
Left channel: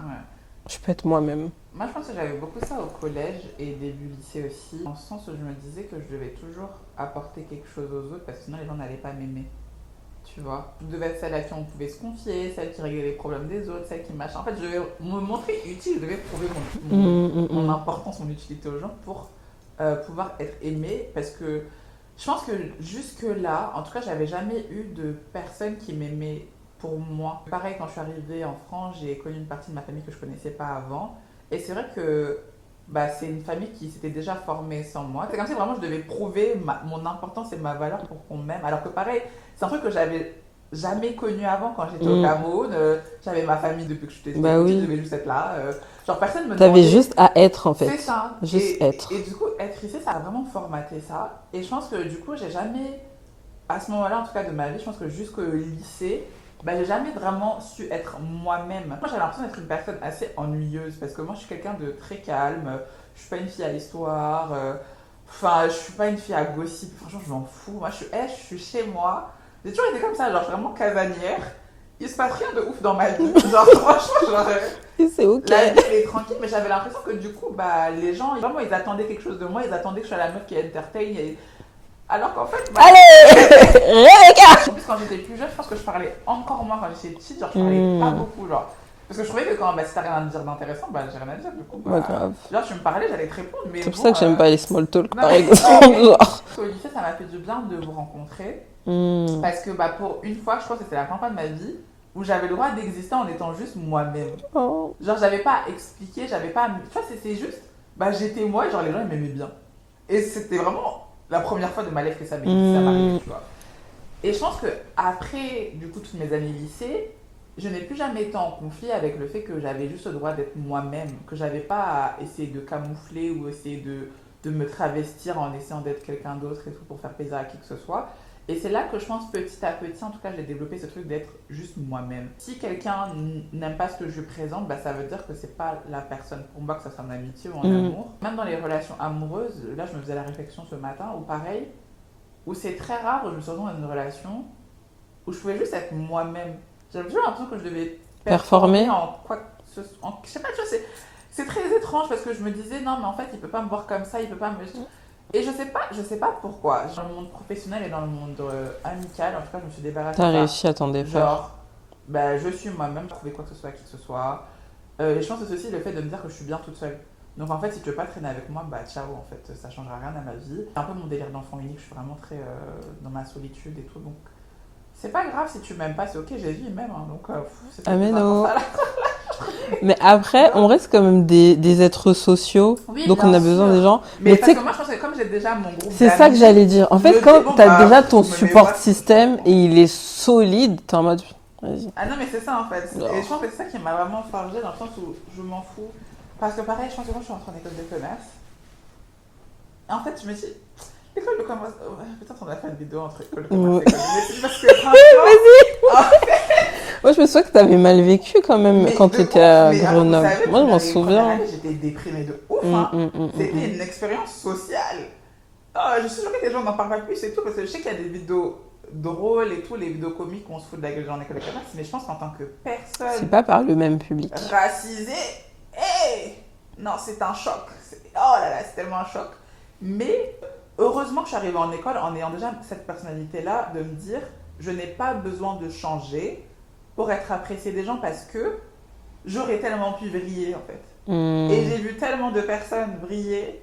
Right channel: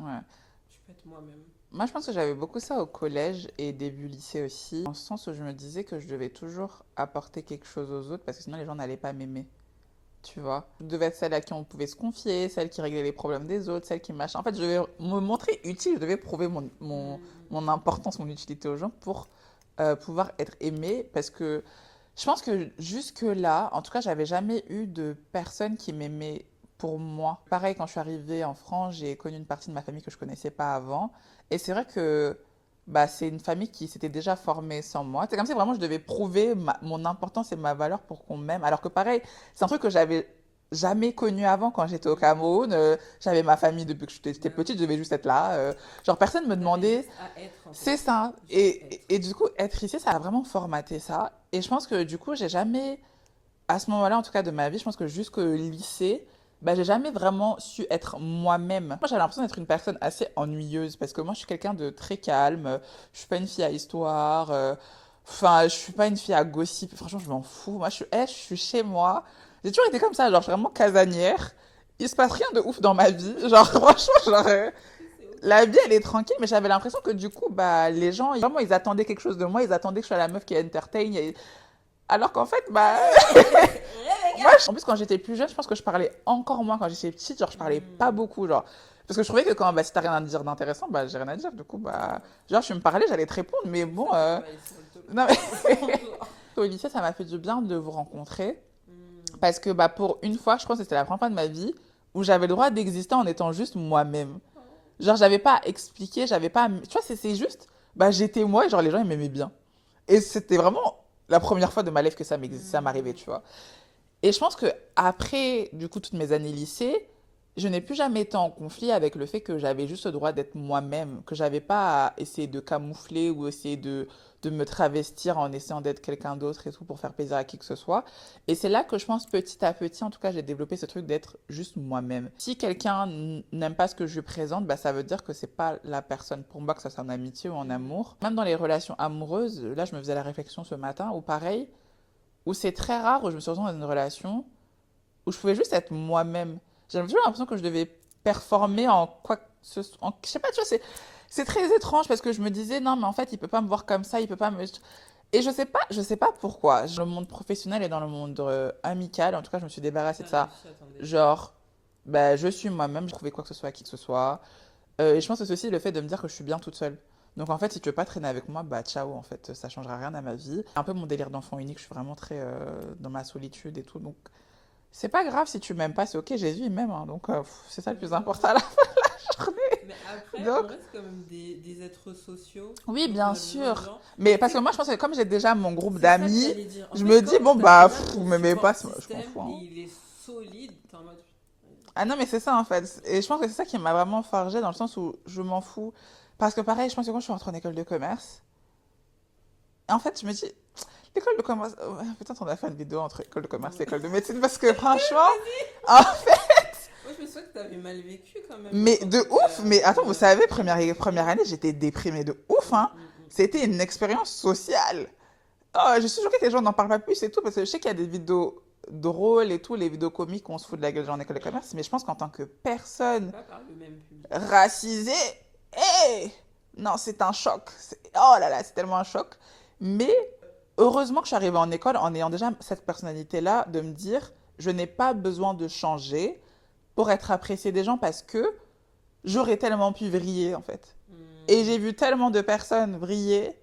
Ouais. je peux être moi-même. Moi, je pense que j'avais beaucoup ça au collège et début lycée aussi, dans le sens où je me disais que je devais toujours apporter quelque chose aux autres parce que sinon les gens n'allaient pas m'aimer. Tu vois, je devais être celle à qui on pouvait se confier, celle qui réglait les problèmes des autres, celle qui machin. En fait, je devais me montrer utile, je devais prouver mon importance, mon utilité aux gens pour pouvoir être aimée parce que je pense que jusque-là, en tout cas, j'avais jamais eu de personne qui m'aimait pour moi. Pareil, quand je suis arrivée en France, j'ai connu une partie de ma famille que je connaissais pas avant. Et c'est vrai que c'est une famille qui s'était déjà formée sans moi. C'est comme si vraiment je devais prouver mon importance et ma valeur pour qu'on m'aime. Alors que pareil, c'est un truc que j'avais jamais connu avant quand j'étais au Cameroun. J'avais ma famille depuis que j'étais petite, je devais juste être là. Genre personne me T'avais demandait. juste à être en fait. C'est ça. Juste être. Et du coup, être ici, ça a vraiment formaté ça. Et je pense que du coup, j'ai jamais, à ce moment-là en tout cas de ma vie, je pense que jusqu'au lycée, j'ai jamais vraiment su être moi-même. Moi, j'avais l'impression d'être une personne assez ennuyeuse parce que moi, je suis quelqu'un de très calme. Je suis pas une fille à histoire. Enfin, je suis pas une fille à gossip. Franchement, je m'en fous. Moi, je suis chez moi. J'ai toujours été comme ça, genre vraiment casanière. Il se passe rien de ouf dans ma vie. Genre, franchement, genre. C'est ok. La vie, elle est tranquille, mais j'avais l'impression que du coup, les gens, vraiment, ils attendaient quelque chose de moi. Ils attendaient que je sois la meuf qui entertain. Alors qu'en fait, allez, Rebecca. En plus, quand j'étais plus jeune, je pense que je parlais encore moins quand j'étais petite. Genre, je parlais pas beaucoup, genre. Parce que je trouvais que quand si t'as rien à dire d'intéressant, j'ai rien à dire. Du coup, grave. genre, je me parlais, j'allais te répondre. Mais c'est bon, pour ça que j'aime pas les small talk, non, par exemple. Genre. Au lycée, ça m'a fait du bien de vous rencontrer. Parce que pour une fois, je pense que c'était la première fois de ma vie où j'avais le droit d'exister en étant juste moi-même. Oh. Genre, j'avais pas à expliquer, j'avais pas à... Tu vois, c'est juste, j'étais moi et genre les gens ils m'aimaient bien. Et c'était vraiment la première fois de ma life que ça m'arrivait, tu vois. Et je pense que après, du coup, toutes mes années lycée, je n'ai plus jamais été en conflit avec le fait que j'avais juste le droit d'être moi-même, que j'avais pas à essayer de camoufler ou essayer de de me travestir en essayant d'être quelqu'un d'autre et tout pour faire plaisir à qui que ce soit. Et c'est là que je pense petit à petit, en tout cas, j'ai développé ce truc d'être juste moi-même. Si quelqu'un n'aime pas ce que je lui présente, bah, ça veut dire que c'est pas la personne pour moi, que ça soit en amitié ou en amour. Même dans les relations amoureuses, là, je me faisais la réflexion ce matin, où pareil, où c'est très rare, où je me suis retrouvée dans une relation où je pouvais juste être moi-même. J'avais toujours l'impression que je devais performer en quoi que ce soit. Je sais pas, tu vois, c'est très étrange parce que je me disais, non, mais en fait, il peut pas me voir comme ça, il peut pas me. Et je sais pas pourquoi. Dans le monde professionnel et dans le monde amical, en tout cas, je me suis débarrassée de T'as ça. réussi à t'en défaire. Genre, bah, je suis moi-même, je trouvais quoi que ce soit à qui que ce soit. Et je pense que c'est aussi le fait de me dire que je suis bien toute seule. Donc en fait, si tu veux pas traîner avec moi, bah ciao, en fait, ça changera rien à ma vie. C'est un peu mon délire d'enfant unique, je suis vraiment très dans ma solitude et tout. Donc c'est pas grave si tu m'aimes pas, c'est ok, Jésus il m'aime. Hein, donc c'est ça Ah le mais plus non. important. Mais après, on reste quand même des êtres sociaux, Oui, donc bien on a besoin sûr. des gens. Mais tu parce sais, que moi, je pense que comme j'ai déjà mon groupe c'est ça que d'amis, j'allais dire. En je me fait, dis, quand bon, t'as bah, déjà ton vous me support mettez pas- système et il est solide, t'es en mode, vas-y. Ah non, mais c'est ça en fait. Et je pense que c'est ça qui m'a vraiment forgé dans le sens où je m'en fous. Parce que pareil, je pense que quand je suis entrée en école de commerce, en fait, je me dis, l'école de commerce, ouais, peut-être on a fait une vidéo entre école de commerce et école de médecine parce que franchement, Moi, je me souviens que t'avais mal vécu quand même mais quand de t'étais ouf, à mais avant, vous Grenoble. savez, Moi, je m'en première souviens. année, j'étais déprimée de ouf. Hein. C'était une expérience sociale. Oh, je suis choquée que les gens n'en parlent pas plus et tout, parce que je sais qu'il y a des vidéos drôles et tout, les vidéos comiques où on se fout de la gueule en école de commerce, mais je pense qu'en tant que C'est personne pas par le même public. racisée, hey, non, c'est un choc. Oh là là, c'est tellement un choc. Mais heureusement que je suis arrivée en école en ayant déjà cette personnalité-là, de me dire, je n'ai pas besoin de changer pour être appréciée des gens parce que j'aurais tellement pu briller en fait. Et j'ai vu tellement de personnes briller.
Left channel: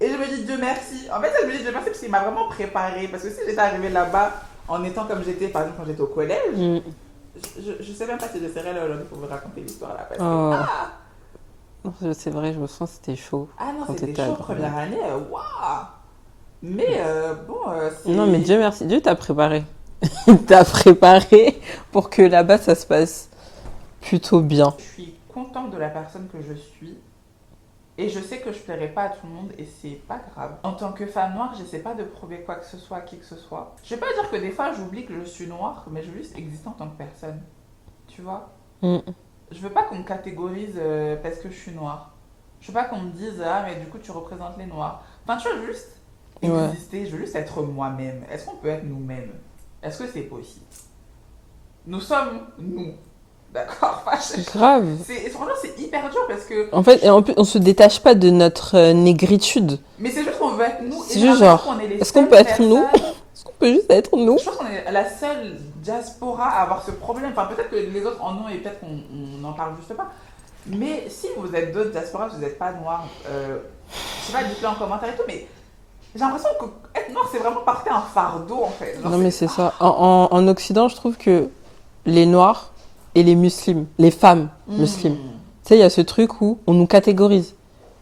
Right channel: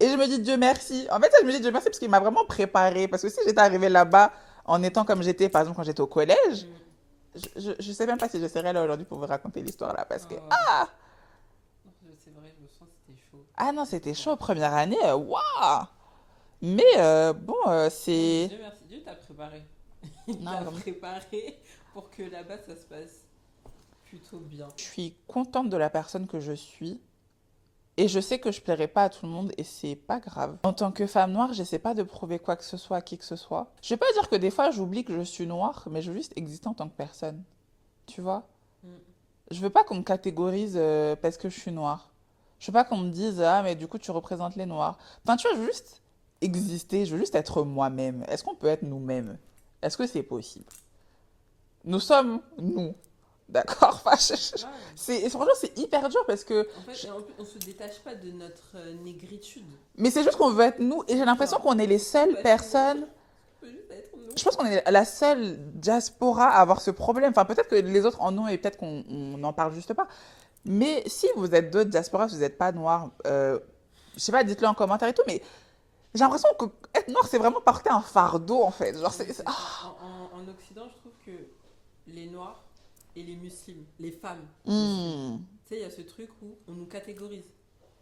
Et je me dis Dieu merci. En fait, je me dis Dieu merci parce qu'il m'a vraiment préparée. Parce que si j'étais arrivée là-bas en étant comme j'étais, par exemple, quand j'étais au collège, je sais même pas si je serais là aujourd'hui pour vous raconter l'histoire là. Parce que, ah! C'est vrai, je me sens que c'était chaud. Ah non, quand c'était t'étais à chaud, Grenoble. première année, waouh! Mais bon, c'est. Non, mais Dieu merci. Dieu t'a préparé. Il t'a préparé pour que là-bas, ça se passe plutôt bien. Je suis contente de la personne que je suis. Et je sais que je plairai pas à tout le monde et c'est pas grave. En tant que femme noire, j'essaie pas de prouver quoi que ce soit à qui que ce soit. Je vais pas dire que des fois j'oublie que je suis noire, mais je veux juste exister en tant que personne. Tu vois? Je veux pas qu'on me catégorise parce que je suis noire. Je veux pas qu'on me dise ah mais du coup tu représentes les noirs. Enfin tu vois, je veux juste exister, je veux juste être moi-même. Est-ce qu'on peut être nous-mêmes? Est-ce que c'est possible? Nous sommes nous. D'accord? Enfin, Grave. franchement, c'est hyper dur parce que. En fait, et en plus, on se détache pas de notre négritude. Mais c'est juste qu'on veut être nous. C'est Et juste genre, qu'on est les est-ce qu'on seules peut être personnes. nous? Est-ce qu'on peut juste être nous? Je pense qu'on est la seule diaspora à avoir ce problème. Enfin, peut-être que les autres en ont et peut-être qu'on n'en parle juste pas. Mais si vous êtes d'autres diasporas, vous n'êtes pas noirs, je sais pas, dites-le en commentaire et tout, mais j'ai l'impression que être noir, c'est vraiment porter un fardeau en fait. Genre, Non, mais c'est ça. En Occident, je trouve que les Noirs et les musulmans, les femmes musulmanes, tu sais, il y a ce truc où on nous catégorise.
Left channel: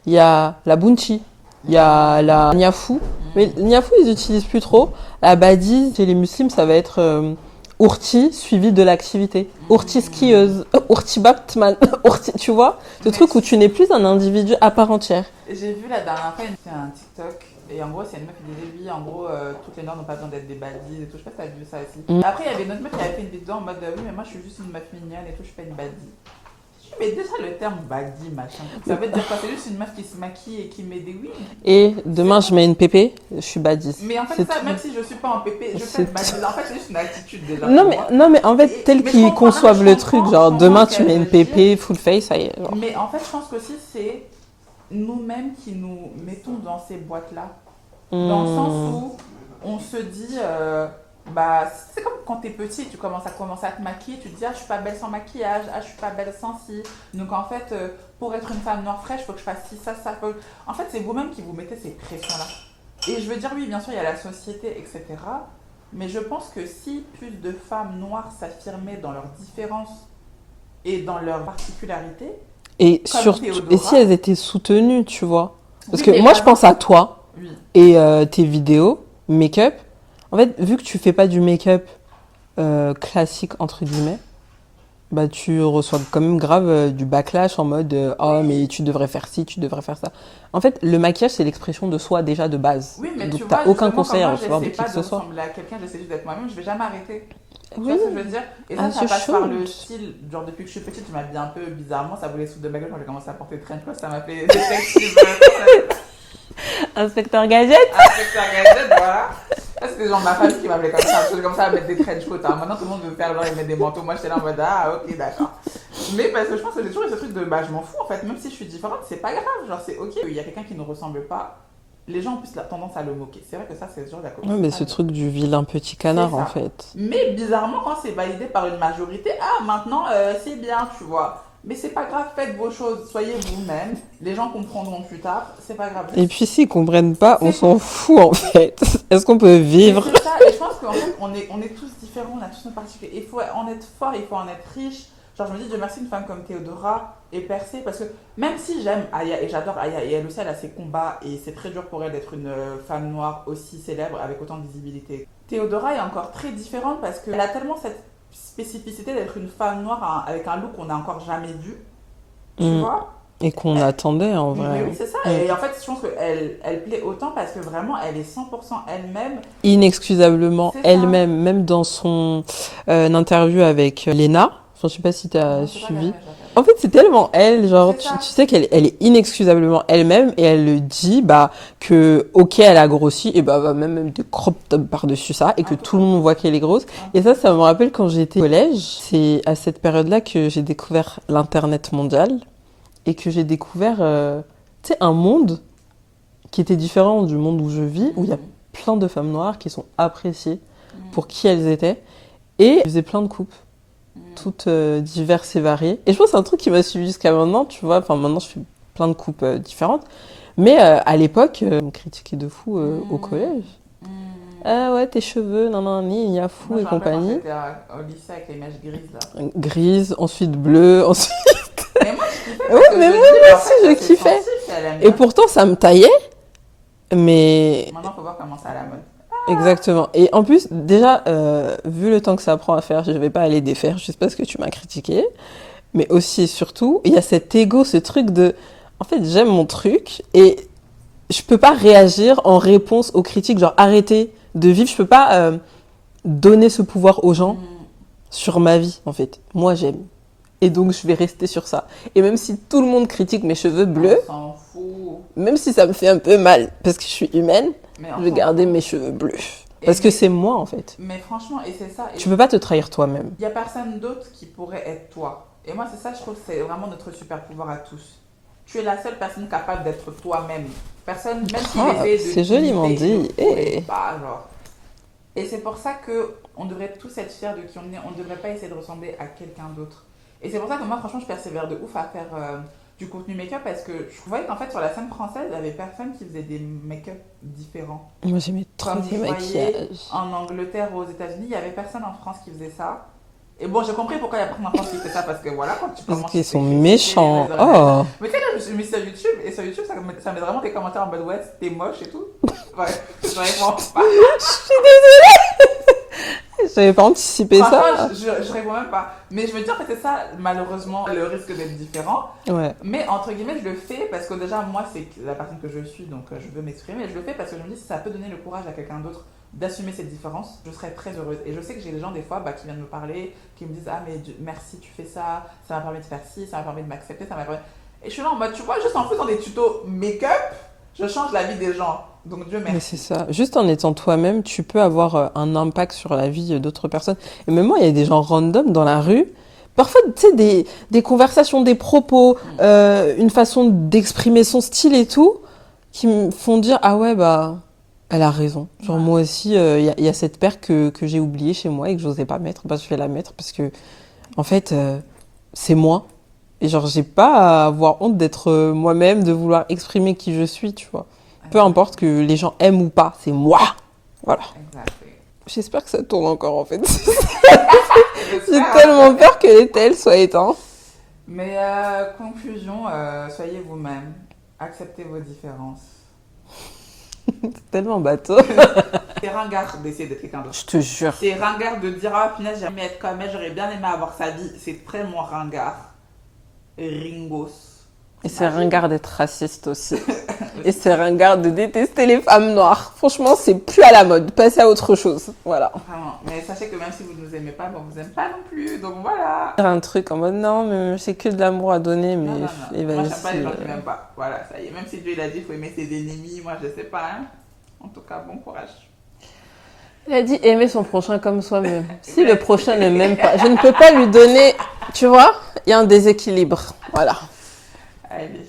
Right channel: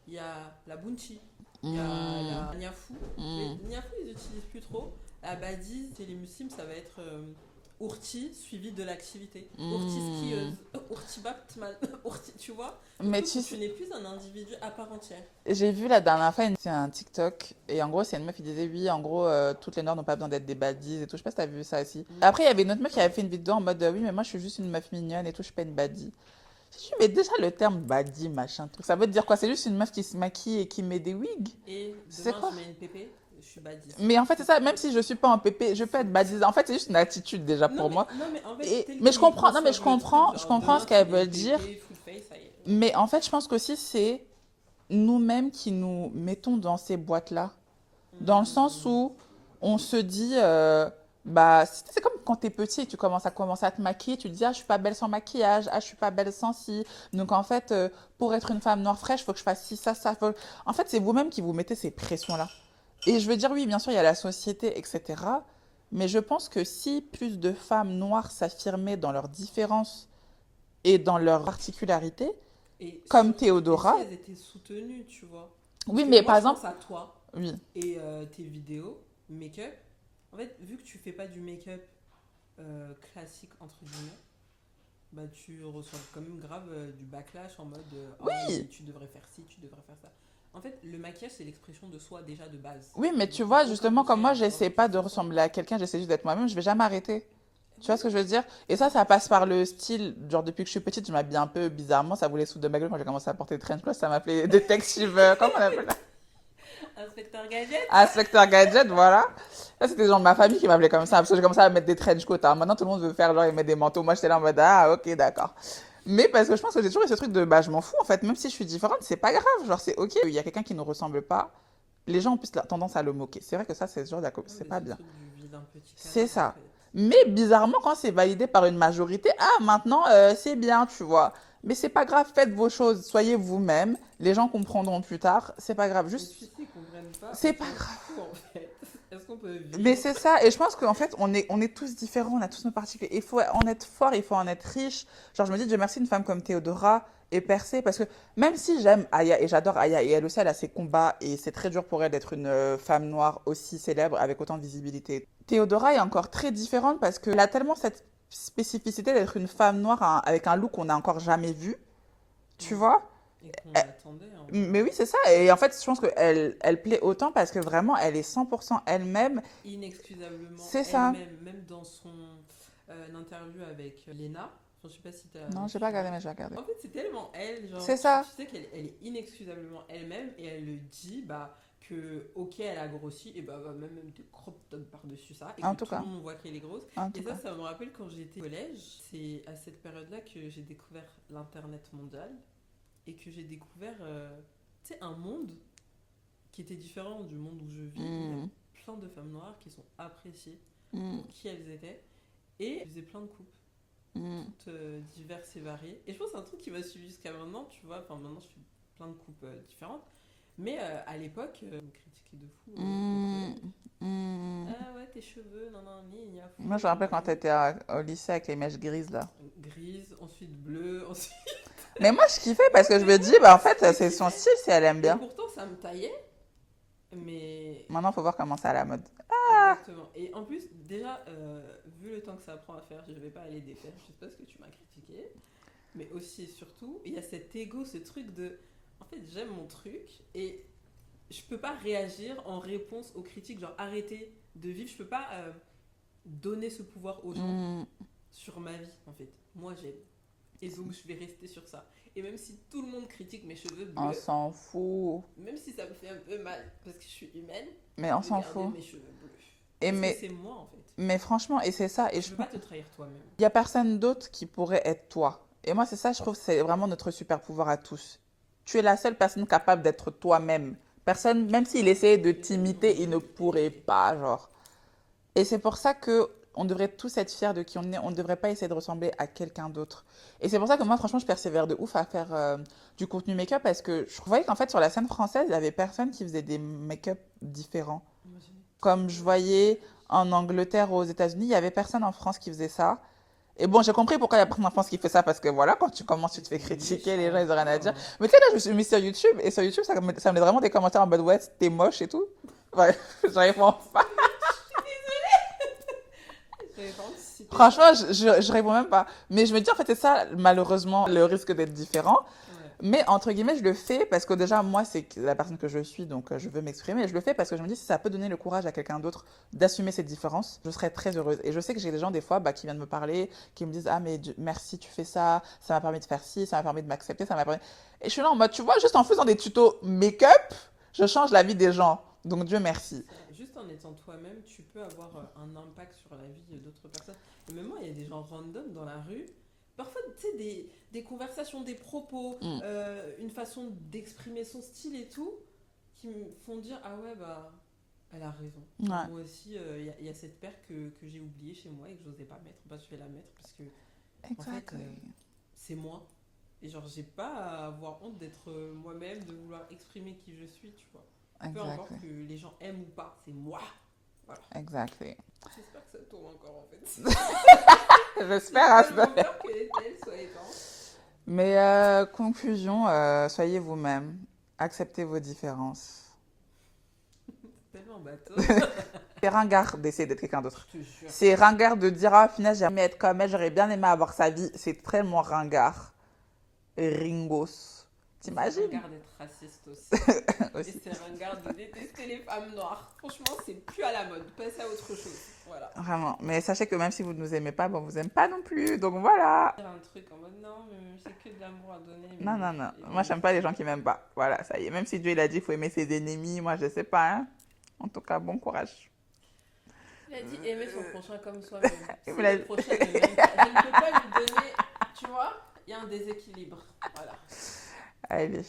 Il y a la Bunchi, il y a la Niafou. Mais Niafou, ils utilisent plus trop. La Badi, chez les musulmans, ça va être Ourti suivi de l'activité. Ourti skieuse, Ourti Batman, Ourti, tu vois? Ce truc où tu n'es plus un individu à part entière. J'ai vu la dernière fois, c'est un TikTok, et en gros, c'est une meuf qui disait oui, en gros, toutes les noirs n'ont pas besoin d'être des baddies et tout. Je sais pas si t'as vu ça aussi. Après, il y avait une autre meuf qui avait fait une vidéo en mode oui, mais moi je suis juste une meuf mignonne et tout, je suis pas une baddie. Mais déjà le terme baddie, machin, ça veut dire quoi? C'est juste une meuf qui se maquille et qui met des wigs. Et demain, je mets une pépé, je suis badis. Mais en fait, C'est ça, tout. même si je suis pas en pépé, je peux être baddie. En fait, c'est juste une attitude déjà. Non pour mais, moi. non, mais en fait, tel mais je qu'ils comprends, conçoivent je le comprends, truc, je genre comprends demain ce tu mets qu'elle une veut pépé, full face, ça y est. Genre. Mais en fait, je pense qu'aussi, c'est nous-mêmes qui nous mettons dans ces boîtes-là. Dans le sens où on se dit, bah, c'est comme quand t'es petit, tu commences à te maquiller, tu te dis, ah, je suis pas belle sans maquillage, ah, je suis pas belle sans ci. Donc en fait, pour être une femme noire fraîche, il faut que je fasse ci, ça, ça. En fait, c'est vous-même qui vous mettez ces pressions-là. Et je veux dire, oui, bien sûr, il y a la société, etc. Mais je pense que si plus de femmes noires s'affirmaient dans leurs différences et dans leurs particularités, Et, comme et si elles étaient soutenues, tu vois. Parce Oui, que mais moi, par je pense à toi oui. et tes vidéos, make-up. En fait, vu que tu fais pas du make-up classique, entre guillemets, bah tu reçois quand même grave du backlash en mode oh mais Oui. tu devrais faire ci, tu devrais faire ça. En fait, le maquillage c'est l'expression de soi déjà de base. Oui, mais tu Donc t'as vois, aucun justement, comme conseil à moi, recevoir de j'essaie qui pas que de ce soit. ressembler à quelqu'un, j'essaie juste d'être moi-même, je vais jamais arrêter. Tu vois ce que je veux Oui, dire? Et ah ça je passe par le chante. style. Genre, depuis que je suis petite, je m'habille un peu bizarrement. Ça voulait foutre de ma gueule quand j'ai commencé à porter des trench coats. Ça m'a fait détective. Inspecteur Gadget. Inspecteur Gadget, voilà. Ça, c'était genre ma famille qui m'appelait comme ça. Parce que j'ai commencé à mettre des trench coats. Hein. Maintenant, tout le monde veut faire genre, ils mettent des manteaux. Moi, j'étais là en mode, ah, ok, d'accord. Mais parce que je pense que j'ai toujours eu ce truc de, bah, je m'en fous en fait. Même si je suis différente, c'est pas grave. Genre, c'est ok. Il y a quelqu'un qui ne ressemble pas. Les gens ont plus la tendance à le moquer. C'est vrai que ça, c'est sûr, la copie, Ouais, c'est mais pas ce bien. truc du vilain petit C'est canard en ça. fait. Mais bizarrement, quand c'est validé par une majorité, ah, maintenant, c'est bien, tu vois. Mais c'est pas grave, faites vos choses, soyez vous-même. Les gens comprendront plus tard, c'est pas grave. Et Juste, puis s'ils comprennent pas, on c'est s'en fout en fait. Est-ce qu'on peut Mais vivre? c'est ça, et je pense qu'en fait, on est tous différents, on a tous nos particularités. Il faut en être fort, il faut en être riche. Genre, je me dis, Dieu merci, une femme comme Théodora est percée, parce que même si j'aime Aya et j'adore Aya, et elle aussi, elle a ses combats, et c'est très dur pour elle d'être une femme noire aussi célèbre avec autant de visibilité. Théodora est encore très différente parce qu'elle a tellement cette spécificité d'être une femme noire avec un look qu'on n'a encore jamais vu, tu Mm. vois? Et qu'on Elle- attendait en vrai. mais oui, c'est ça. Mm. Et en fait, je pense qu'elle plaît autant parce que vraiment, elle est 100% elle-même. Inexcusablement C'est ça. elle-même, même dans son interview avec Lena. Enfin, je sais pas si tu as Non, c'est pas regardé, suivi. mais je la regarde. En fait, c'est tellement elle, genre, C'est tu ça. sais elle est inexcusablement elle-même et elle le dit, bah, que, ok, elle a grossi, et bah, va même des crop tops par-dessus ça, et Un que peu tout le comme. monde voit qu'elle est grosse. Un Et peu. ça me rappelle quand j'étais au collège. C'est à cette période-là que j'ai découvert l'Internet mondial et que j'ai découvert, tu sais, un monde qui était différent du monde où je vis, où il y a Mhm. plein de femmes noires qui sont appréciées Mhm. pour qui elles étaient. Et je faisais plein de coupes, Mhm. toutes diverses et variées. Et je pense que c'est un truc qui m'a suivi jusqu'à maintenant, tu vois. Enfin, maintenant, je fais plein de coupes différentes. Mais à l'époque, on me critiquait de fou au Mhm. collège. Mhm. Ah ouais, tes cheveux, nan nan, ni, il y a fou Moi, je et me rappelle quand compagnie. t'étais au lycée avec les mèches grises, là. Grise, ensuite bleu, ensuite... Mais moi, je kiffais Ouais, parce que je mais me moi dis, bah, en aussi, fait, je c'est son kiffais. style si elle aime Et bien. pourtant, ça me taillait, mais Maintenant, faut voir comment c'est à la mode. exactement. Et en plus, déjà, vu le temps que ça prend à faire, je vais pas aller défaire juste parce que tu m'as critiqué. Mais aussi et surtout, il y a cet ego, ce truc de... En fait, j'aime mon truc et je peux pas réagir en réponse aux critiques, genre arrêter de vivre. Je peux pas donner ce pouvoir aux gens Mhm. sur ma vie, en fait. Moi, j'aime. Et donc, je vais rester sur ça. Et même si tout le monde critique mes cheveux On bleus, s'en fout. même si ça me fait un peu mal parce que je suis humaine, Mais on je vais s'en garder fout. mes cheveux bleus. Et Parce que c'est moi, en fait. mais franchement, et c'est ça. Et Tu peux pas te trahir toi-même. il y a personne d'autre qui pourrait être toi. Et moi, c'est ça, je trouve, c'est vraiment notre super pouvoir à tous. Tu es la seule personne capable d'être toi-même. Personne, même s'il Ah, essayait de c'est joliment t'imiter, il ne dit. pourrait Eh. pas, genre. Et c'est pour ça que on devrait tous être fiers de qui on est. On ne devrait pas essayer de ressembler à quelqu'un d'autre. Et c'est pour ça que moi, franchement, je persévère de ouf à faire du contenu make-up parce que je voyais qu'en fait, sur la scène française, il n'y avait personne qui faisait des make-up différents. Moi, j'aimais trop Comme le je voyais maquillage. en Angleterre ou aux États-Unis, il n'y avait personne en France qui faisait ça. Et bon, j'ai compris pourquoi il y a personne en France qui fait ça parce que voilà, quand tu Parce commences, tu qu'ils te fais sont critiquer les méchants. réseaux, nanana. Oh. Mais tu sais, là, je me suis mis sur YouTube et sur YouTube, ça met vraiment des commentaires en mode ouais, t'es moche et tout. Ouais, vraiment pas. J'avais pas anticipé Franchement, ça. je réponds même pas. Mais je me dis, en fait, c'est ça, malheureusement, le risque d'être différent. Ouais. Mais entre guillemets, je le fais parce que déjà, moi, c'est la personne que je suis, donc je veux m'exprimer. Et je le fais parce que je me dis, si ça peut donner le courage à quelqu'un d'autre d'assumer cette différence, je serais très heureuse. Et je sais que j'ai des gens, des fois, bah, qui viennent me parler, qui me disent, ah, mais merci, tu fais ça m'a permis de faire ci, ça m'a permis de m'accepter, ça m'a permis. Et je suis là en mode, tu vois, juste en faisant des tutos make-up, je change la vie des gens. Donc Dieu Mais c'est merci. ça. Juste en étant toi-même, tu peux avoir un impact sur la vie d'autres personnes. Et même moi, il y a des gens random dans la rue. Parfois, tu sais, des conversations, des propos, Mm. une façon d'exprimer son style et tout, qui me font dire, ah ouais, bah, elle a raison. Genre, Ouais. moi aussi, il y a cette paire que j'ai oubliée chez moi et que j'osais pas mettre. Bah, je vais la mettre parce que, en fait, c'est moi. Et genre, j'ai pas à avoir honte d'être moi-même, de vouloir exprimer qui je suis, tu vois. Peu Exact. importe que les gens aiment ou pas, c'est moi. Voilà. Exact. J'espère que ça tourne encore en fait. J'ai J'espère. tellement peur que les tels soient éteints. Mais conclusion, soyez vous-même. Acceptez vos différences. C'est tellement bateau. C'est ringard d'essayer d'être quelqu'un d'autre. Je te jure. C'est ringard de dire, ah, finalement, j'aimerais être comme elle, j'aurais bien aimé avoir sa vie. C'est tellement ringard. Ringos. Et c'est ringard d'être raciste aussi. Et c'est ringard de détester les femmes noires. Franchement, c'est plus à la mode. Passez à autre chose. Voilà. Vraiment. Mais sachez que même si vous ne nous aimez pas, on vous aime pas non plus. Donc voilà. Un truc en mode non, mais c'est que de l'amour à donner. Mais Non. Moi, j'aime pas les gens qui m'aiment pas. Voilà, ça y est. Même si Dieu il a dit qu'il faut aimer ses ennemis, moi, je sais pas. Hein. En tout cas, bon courage. Il a dit aimer son prochain comme soi-même. Si le prochain ne m'aime pas, je ne peux pas lui donner. Tu vois, il y a un déséquilibre. Voilà. Allez.